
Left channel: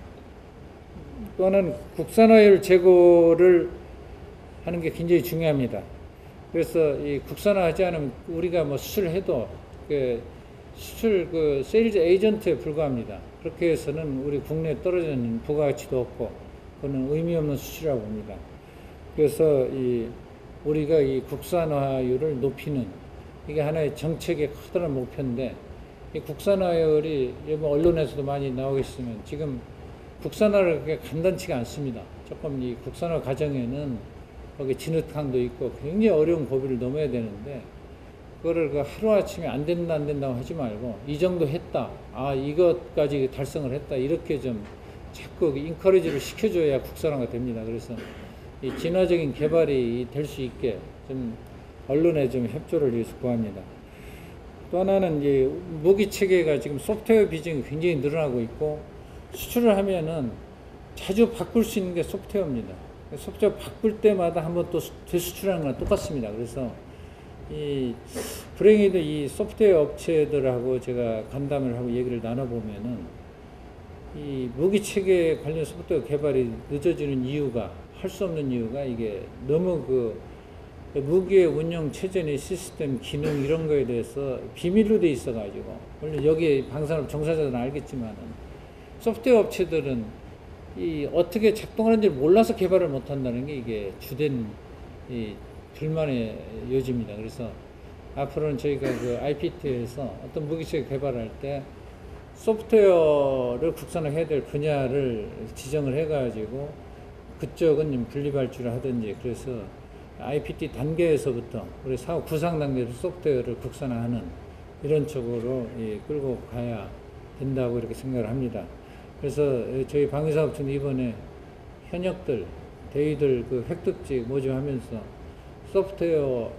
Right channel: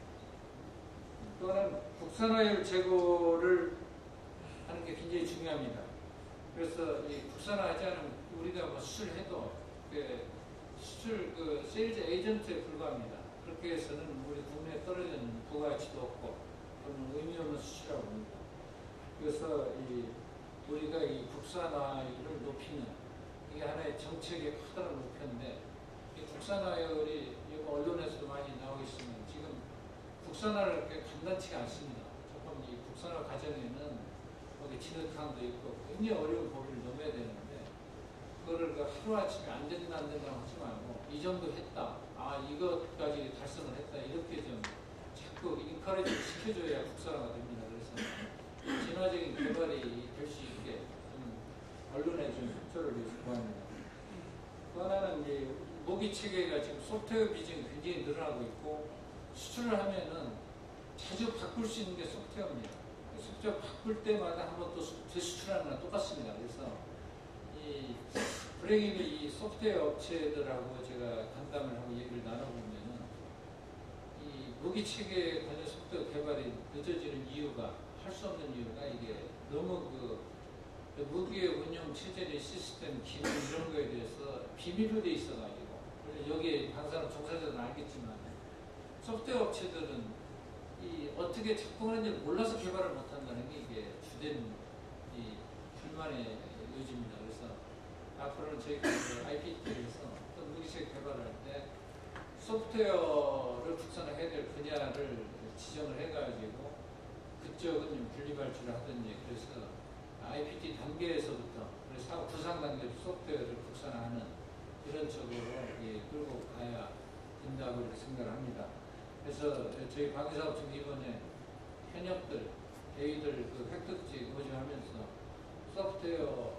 또는 국산화율 제고를 하는 게 굉장히 중요합니다. 그래서 이 국산화하지 않으면 우리가 뭐 수출해도 그 수출 그 세일즈 에이전트에 불과합니다. 그렇게 해서는 우리 국내에 떨어지는 부가가치도 없고 그거는 의미 없는 수출이라고 봅니다. 그래서 우리가 이 국산화율을 높이는 이게 하나의 정책의 커다란 목표인데 이 국산화율이 뭐 언론에서도 많이 나오고 있으면 지금 국산화를 그렇게 간단치가 않습니다. 조금 이 국산화 과정에는 거기 진흙탕도 있고 굉장히 어려운 고비를 넘어야 되는데 그거를 그 하루아침에 안 된다고 하지 말고 이 정도 했다. 아, 이것까지 달성을 했다. 이렇게 좀 자꾸 인커리지를 시켜줘야 국산화가 됩니다. 그래서 이 진화적인 개발이 될 수 있게 좀 언론에 좀 협조를 위해서 구합니다. 또 하나는 이 무기 체계가 지금 소프트웨어 비중이 굉장히 늘어나고 있고 수출을 하면은 자주 바꿀 수 있는 게 소프트웨어입니다. 소프트웨어 바꿀 때마다 한번 또 되수출하는 거랑 똑같습니다. 그래서 이 불행히도 이 소프트웨어 업체들하고 제가 간담을 하고 얘기를 나눠보면은 이 무기 체계 관련 소프트웨어 개발이 늦어지는 이유가 할 수 없는 이유가 이게 너무 그 무기의 운영 체제나 시스템 기능 이런 거에 대해서 비밀로 돼 있어가지고 물론 여기 방산업 종사자들은 알겠지만은 소프트웨어 업체들은 이 어떻게 작동하는지 몰라서 개발을 못한다는 게 이게 주된 이 불만의 요지입니다. 그래서 앞으로는 저희가 그 IPT에서 어떤 무기체계 개발할 때 소프트웨어를 국산화해야 될 분야를 지정을 해가지고 그쪽은 분리발주를 하든지 그래서 IPT 단계에서부터 우리 사업 구상 단계에서 소프트웨어를 국산화하는 이런 쪽으로 끌고 가야 된다고 이렇게 생각을 합니다. 그래서 저희 방위사업청은 이번에 현역들, 대위들 그 획득직 모집하면서 소프트웨어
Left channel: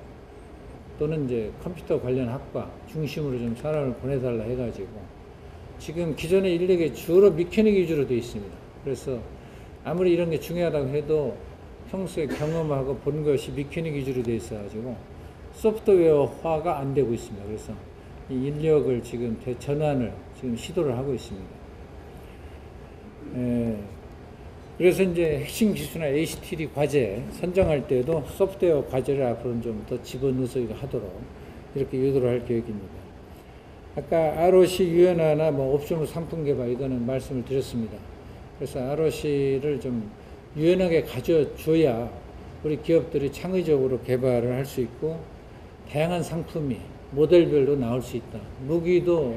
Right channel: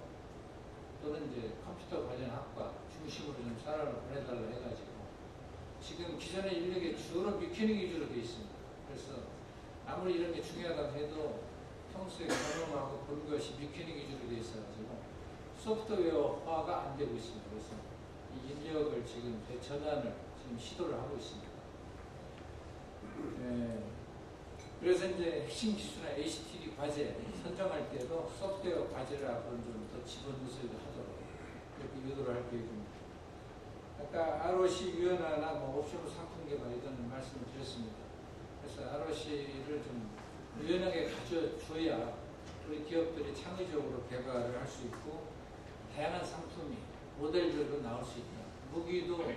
또는 이제 컴퓨터 관련 학과 중심으로 좀 사람을 보내달라 해가지고 지금 기존의 인력이 주로 미케닉 위주로 되어 있습니다. 그래서 아무리 이런 게 중요하다고 해도 평소에 경험하고 본 것이 미케닉 위주로 되어 있어가지고 소프트웨어화가 안 되고 있습니다. 그래서 이 인력을 지금 대전환을 지금 시도를 하고 있습니다. 그래서 이제 핵심 기술이나 HTD 과제 선정할 때도 소프트웨어 과제를 앞으로는 좀 더 집어넣어서 하도록 이렇게 유도를 할 계획입니다. 아까 ROC 유연화나 뭐 옵션 상품 개발 이거는 말씀을 드렸습니다. 그래서 ROC를 좀 유연하게 가져줘야 우리 기업들이 창의적으로 개발을 할 수 있고 다양한 상품이 모델별로 나올 수 있다. 무기도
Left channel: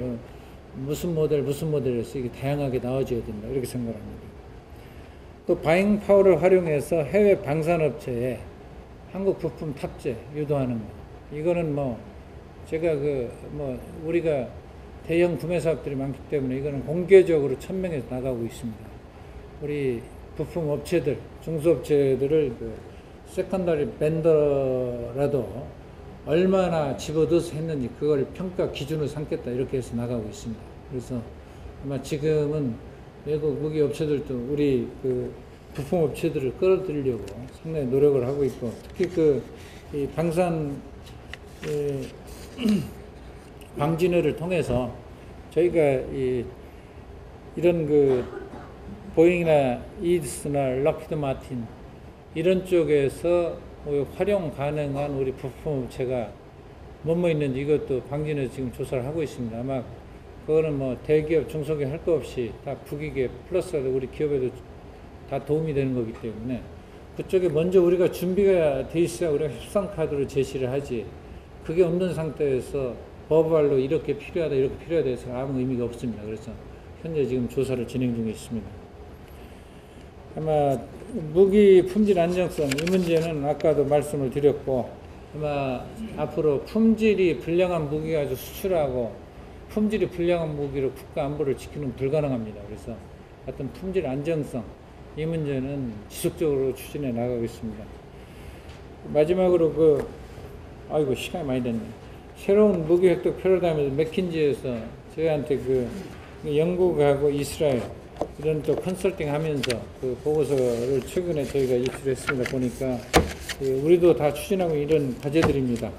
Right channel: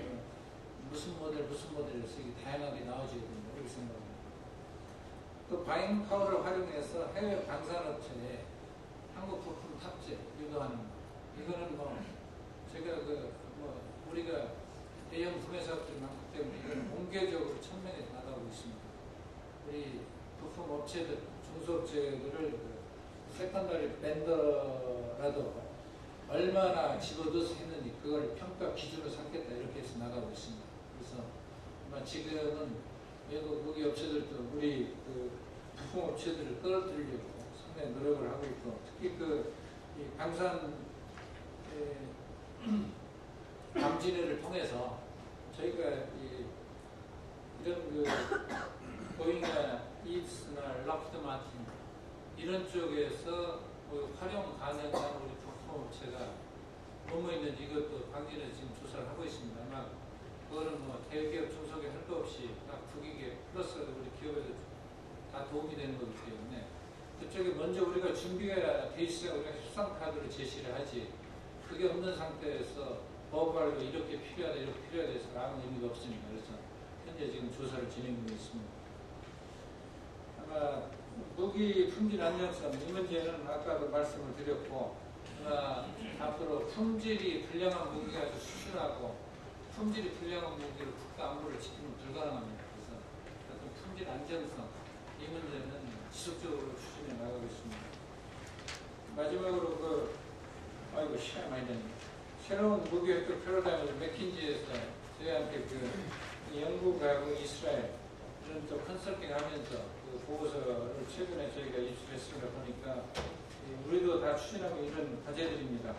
무슨 모델에서 이게 다양하게 나와줘야 된다. 이렇게 생각합니다. 또 바잉 파워를 활용해서 해외 방산업체에 한국 부품 탑재 유도하는 거. 이거는 뭐 제가 우리가 대형 구매 사업들이 많기 때문에 이거는 공개적으로 천명해서 나가고 있습니다. 우리 부품 업체들, 중소업체들을 세컨더리 벤더라도 얼마나 집어넣어서 했는지 그걸 평가 기준으로 삼겠다 이렇게 해서 나가고 있습니다. 그래서 아마 지금은 외국 무기 업체들도 우리 그 부품 업체들을 끌어들이려고 상당히 노력을 하고 있고 특히 이 방산 방진회를 통해서 저희가 이런 보잉이나 이디스나 락히드 마틴 이런 쪽에서 활용 가능한 우리 부품 업체가 뭐뭐 있는지 이것도 방진에서 지금 조사를 하고 있습니다. 아마 그거는 뭐 대기업, 중소기업 할 거 없이 다 국익에 플러스 우리 기업에도 다 도움이 되는 거기 때문에 그쪽에 먼저 우리가 준비가 돼 있어야 우리가 협상 카드로 제시를 하지 그게 없는 상태에서 버발로 이렇게 필요하다 이렇게 필요하다 해서 아무 의미가 없습니다. 그래서 현재 지금 조사를 진행 중에 있습니다. 아마 무기 품질 안정성 이 문제는 아까도 말씀을 드렸고 아마 앞으로 품질이 불량한 무기 가지고 수출하고 품질이 불량한 무기로 국가 안보를 지키는 불가능합니다. 그래서 하여튼 품질 안정성 이 문제는 지속적으로 추진해 나가고 있습니다. 마지막으로 아이고 시간이 많이 됐네. 새로운 무기 획득 패러다임에서 맥킨지에서 저희한테 영국하고 이스라엘 이런 또 컨설팅 하면서 그 보고서를 최근에 저희가 제출했습니다. 보니까 우리도 다 추진하고 이런 과제들입니다.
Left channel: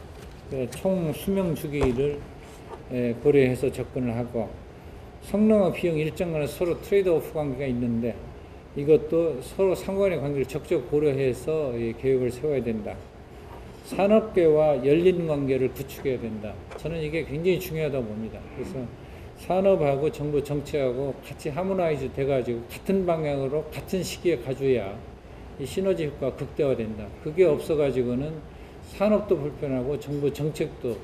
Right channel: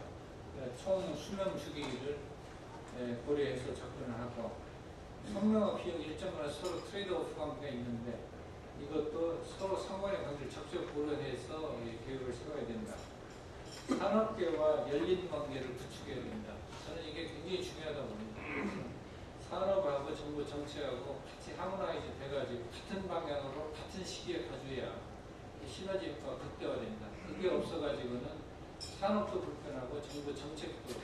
총 수명 주기를 고려해서 접근을 하고, 성능과 비용 일정 간에 서로 트레이드오프 관계가 있는데 이것도 서로 상관의 관계를 적극 고려해서 계획을 세워야 된다. 산업계와 열린 관계를 구축해야 된다. 저는 이게 굉장히 중요하다고 봅니다. 그래서 산업하고 정부 정책하고 같이 하모나이즈 돼가지고 같은 방향으로 같은 시기에 가줘야 이 시너지 효과가 극대화된다. 그게 없어가지고는 산업도 불편하고 정부 정책도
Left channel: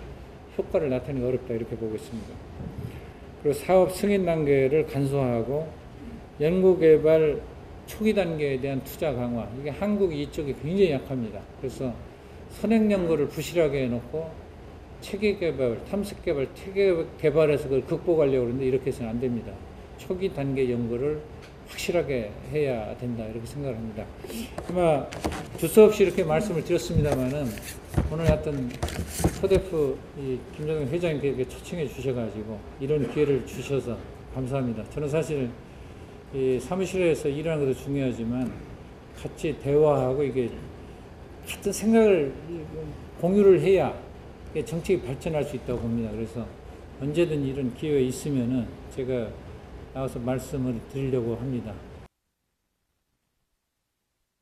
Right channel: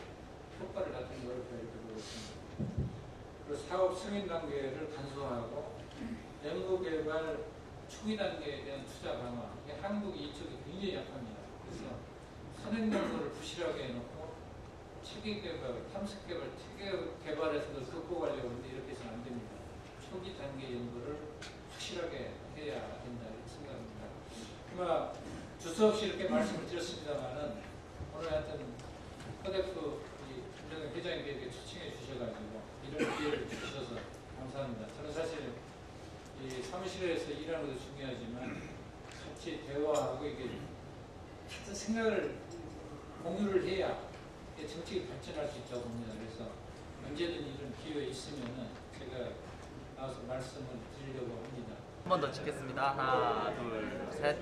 효과를 나타내기 어렵다, 이렇게 보고 있습니다. 그리고 사업 승인 단계를 간소화하고 연구개발 초기 단계에 대한 투자 강화. 이게 한국이 이쪽이 굉장히 약합니다. 그래서 선행연구를 부실하게 해놓고 체계개발, 탐색개발, 체계개발에서 그걸 극복하려고 하는데 이렇게 해서는 안 됩니다. 초기 단계 연구를 확실하게 해야 된다, 이렇게 생각을 합니다. 아마 두서없이 이렇게 말씀을 드렸습니다만은 오늘 하여튼 코데프 김정은 회장님께 초청해 주셔가지고 이런 기회를 주셔서 감사합니다. 저는 사실 이 사무실에서 일하는 것도 중요하지만 같이 대화하고 이게 같은 생각을 공유를 해야 정책이 발전할 수 있다고 봅니다. 그래서 언제든 이런 기회가 있으면은 제가 나와서 말씀을 드리려고 합니다. 한 번 더 찍겠습니다. 하나, 둘, 셋.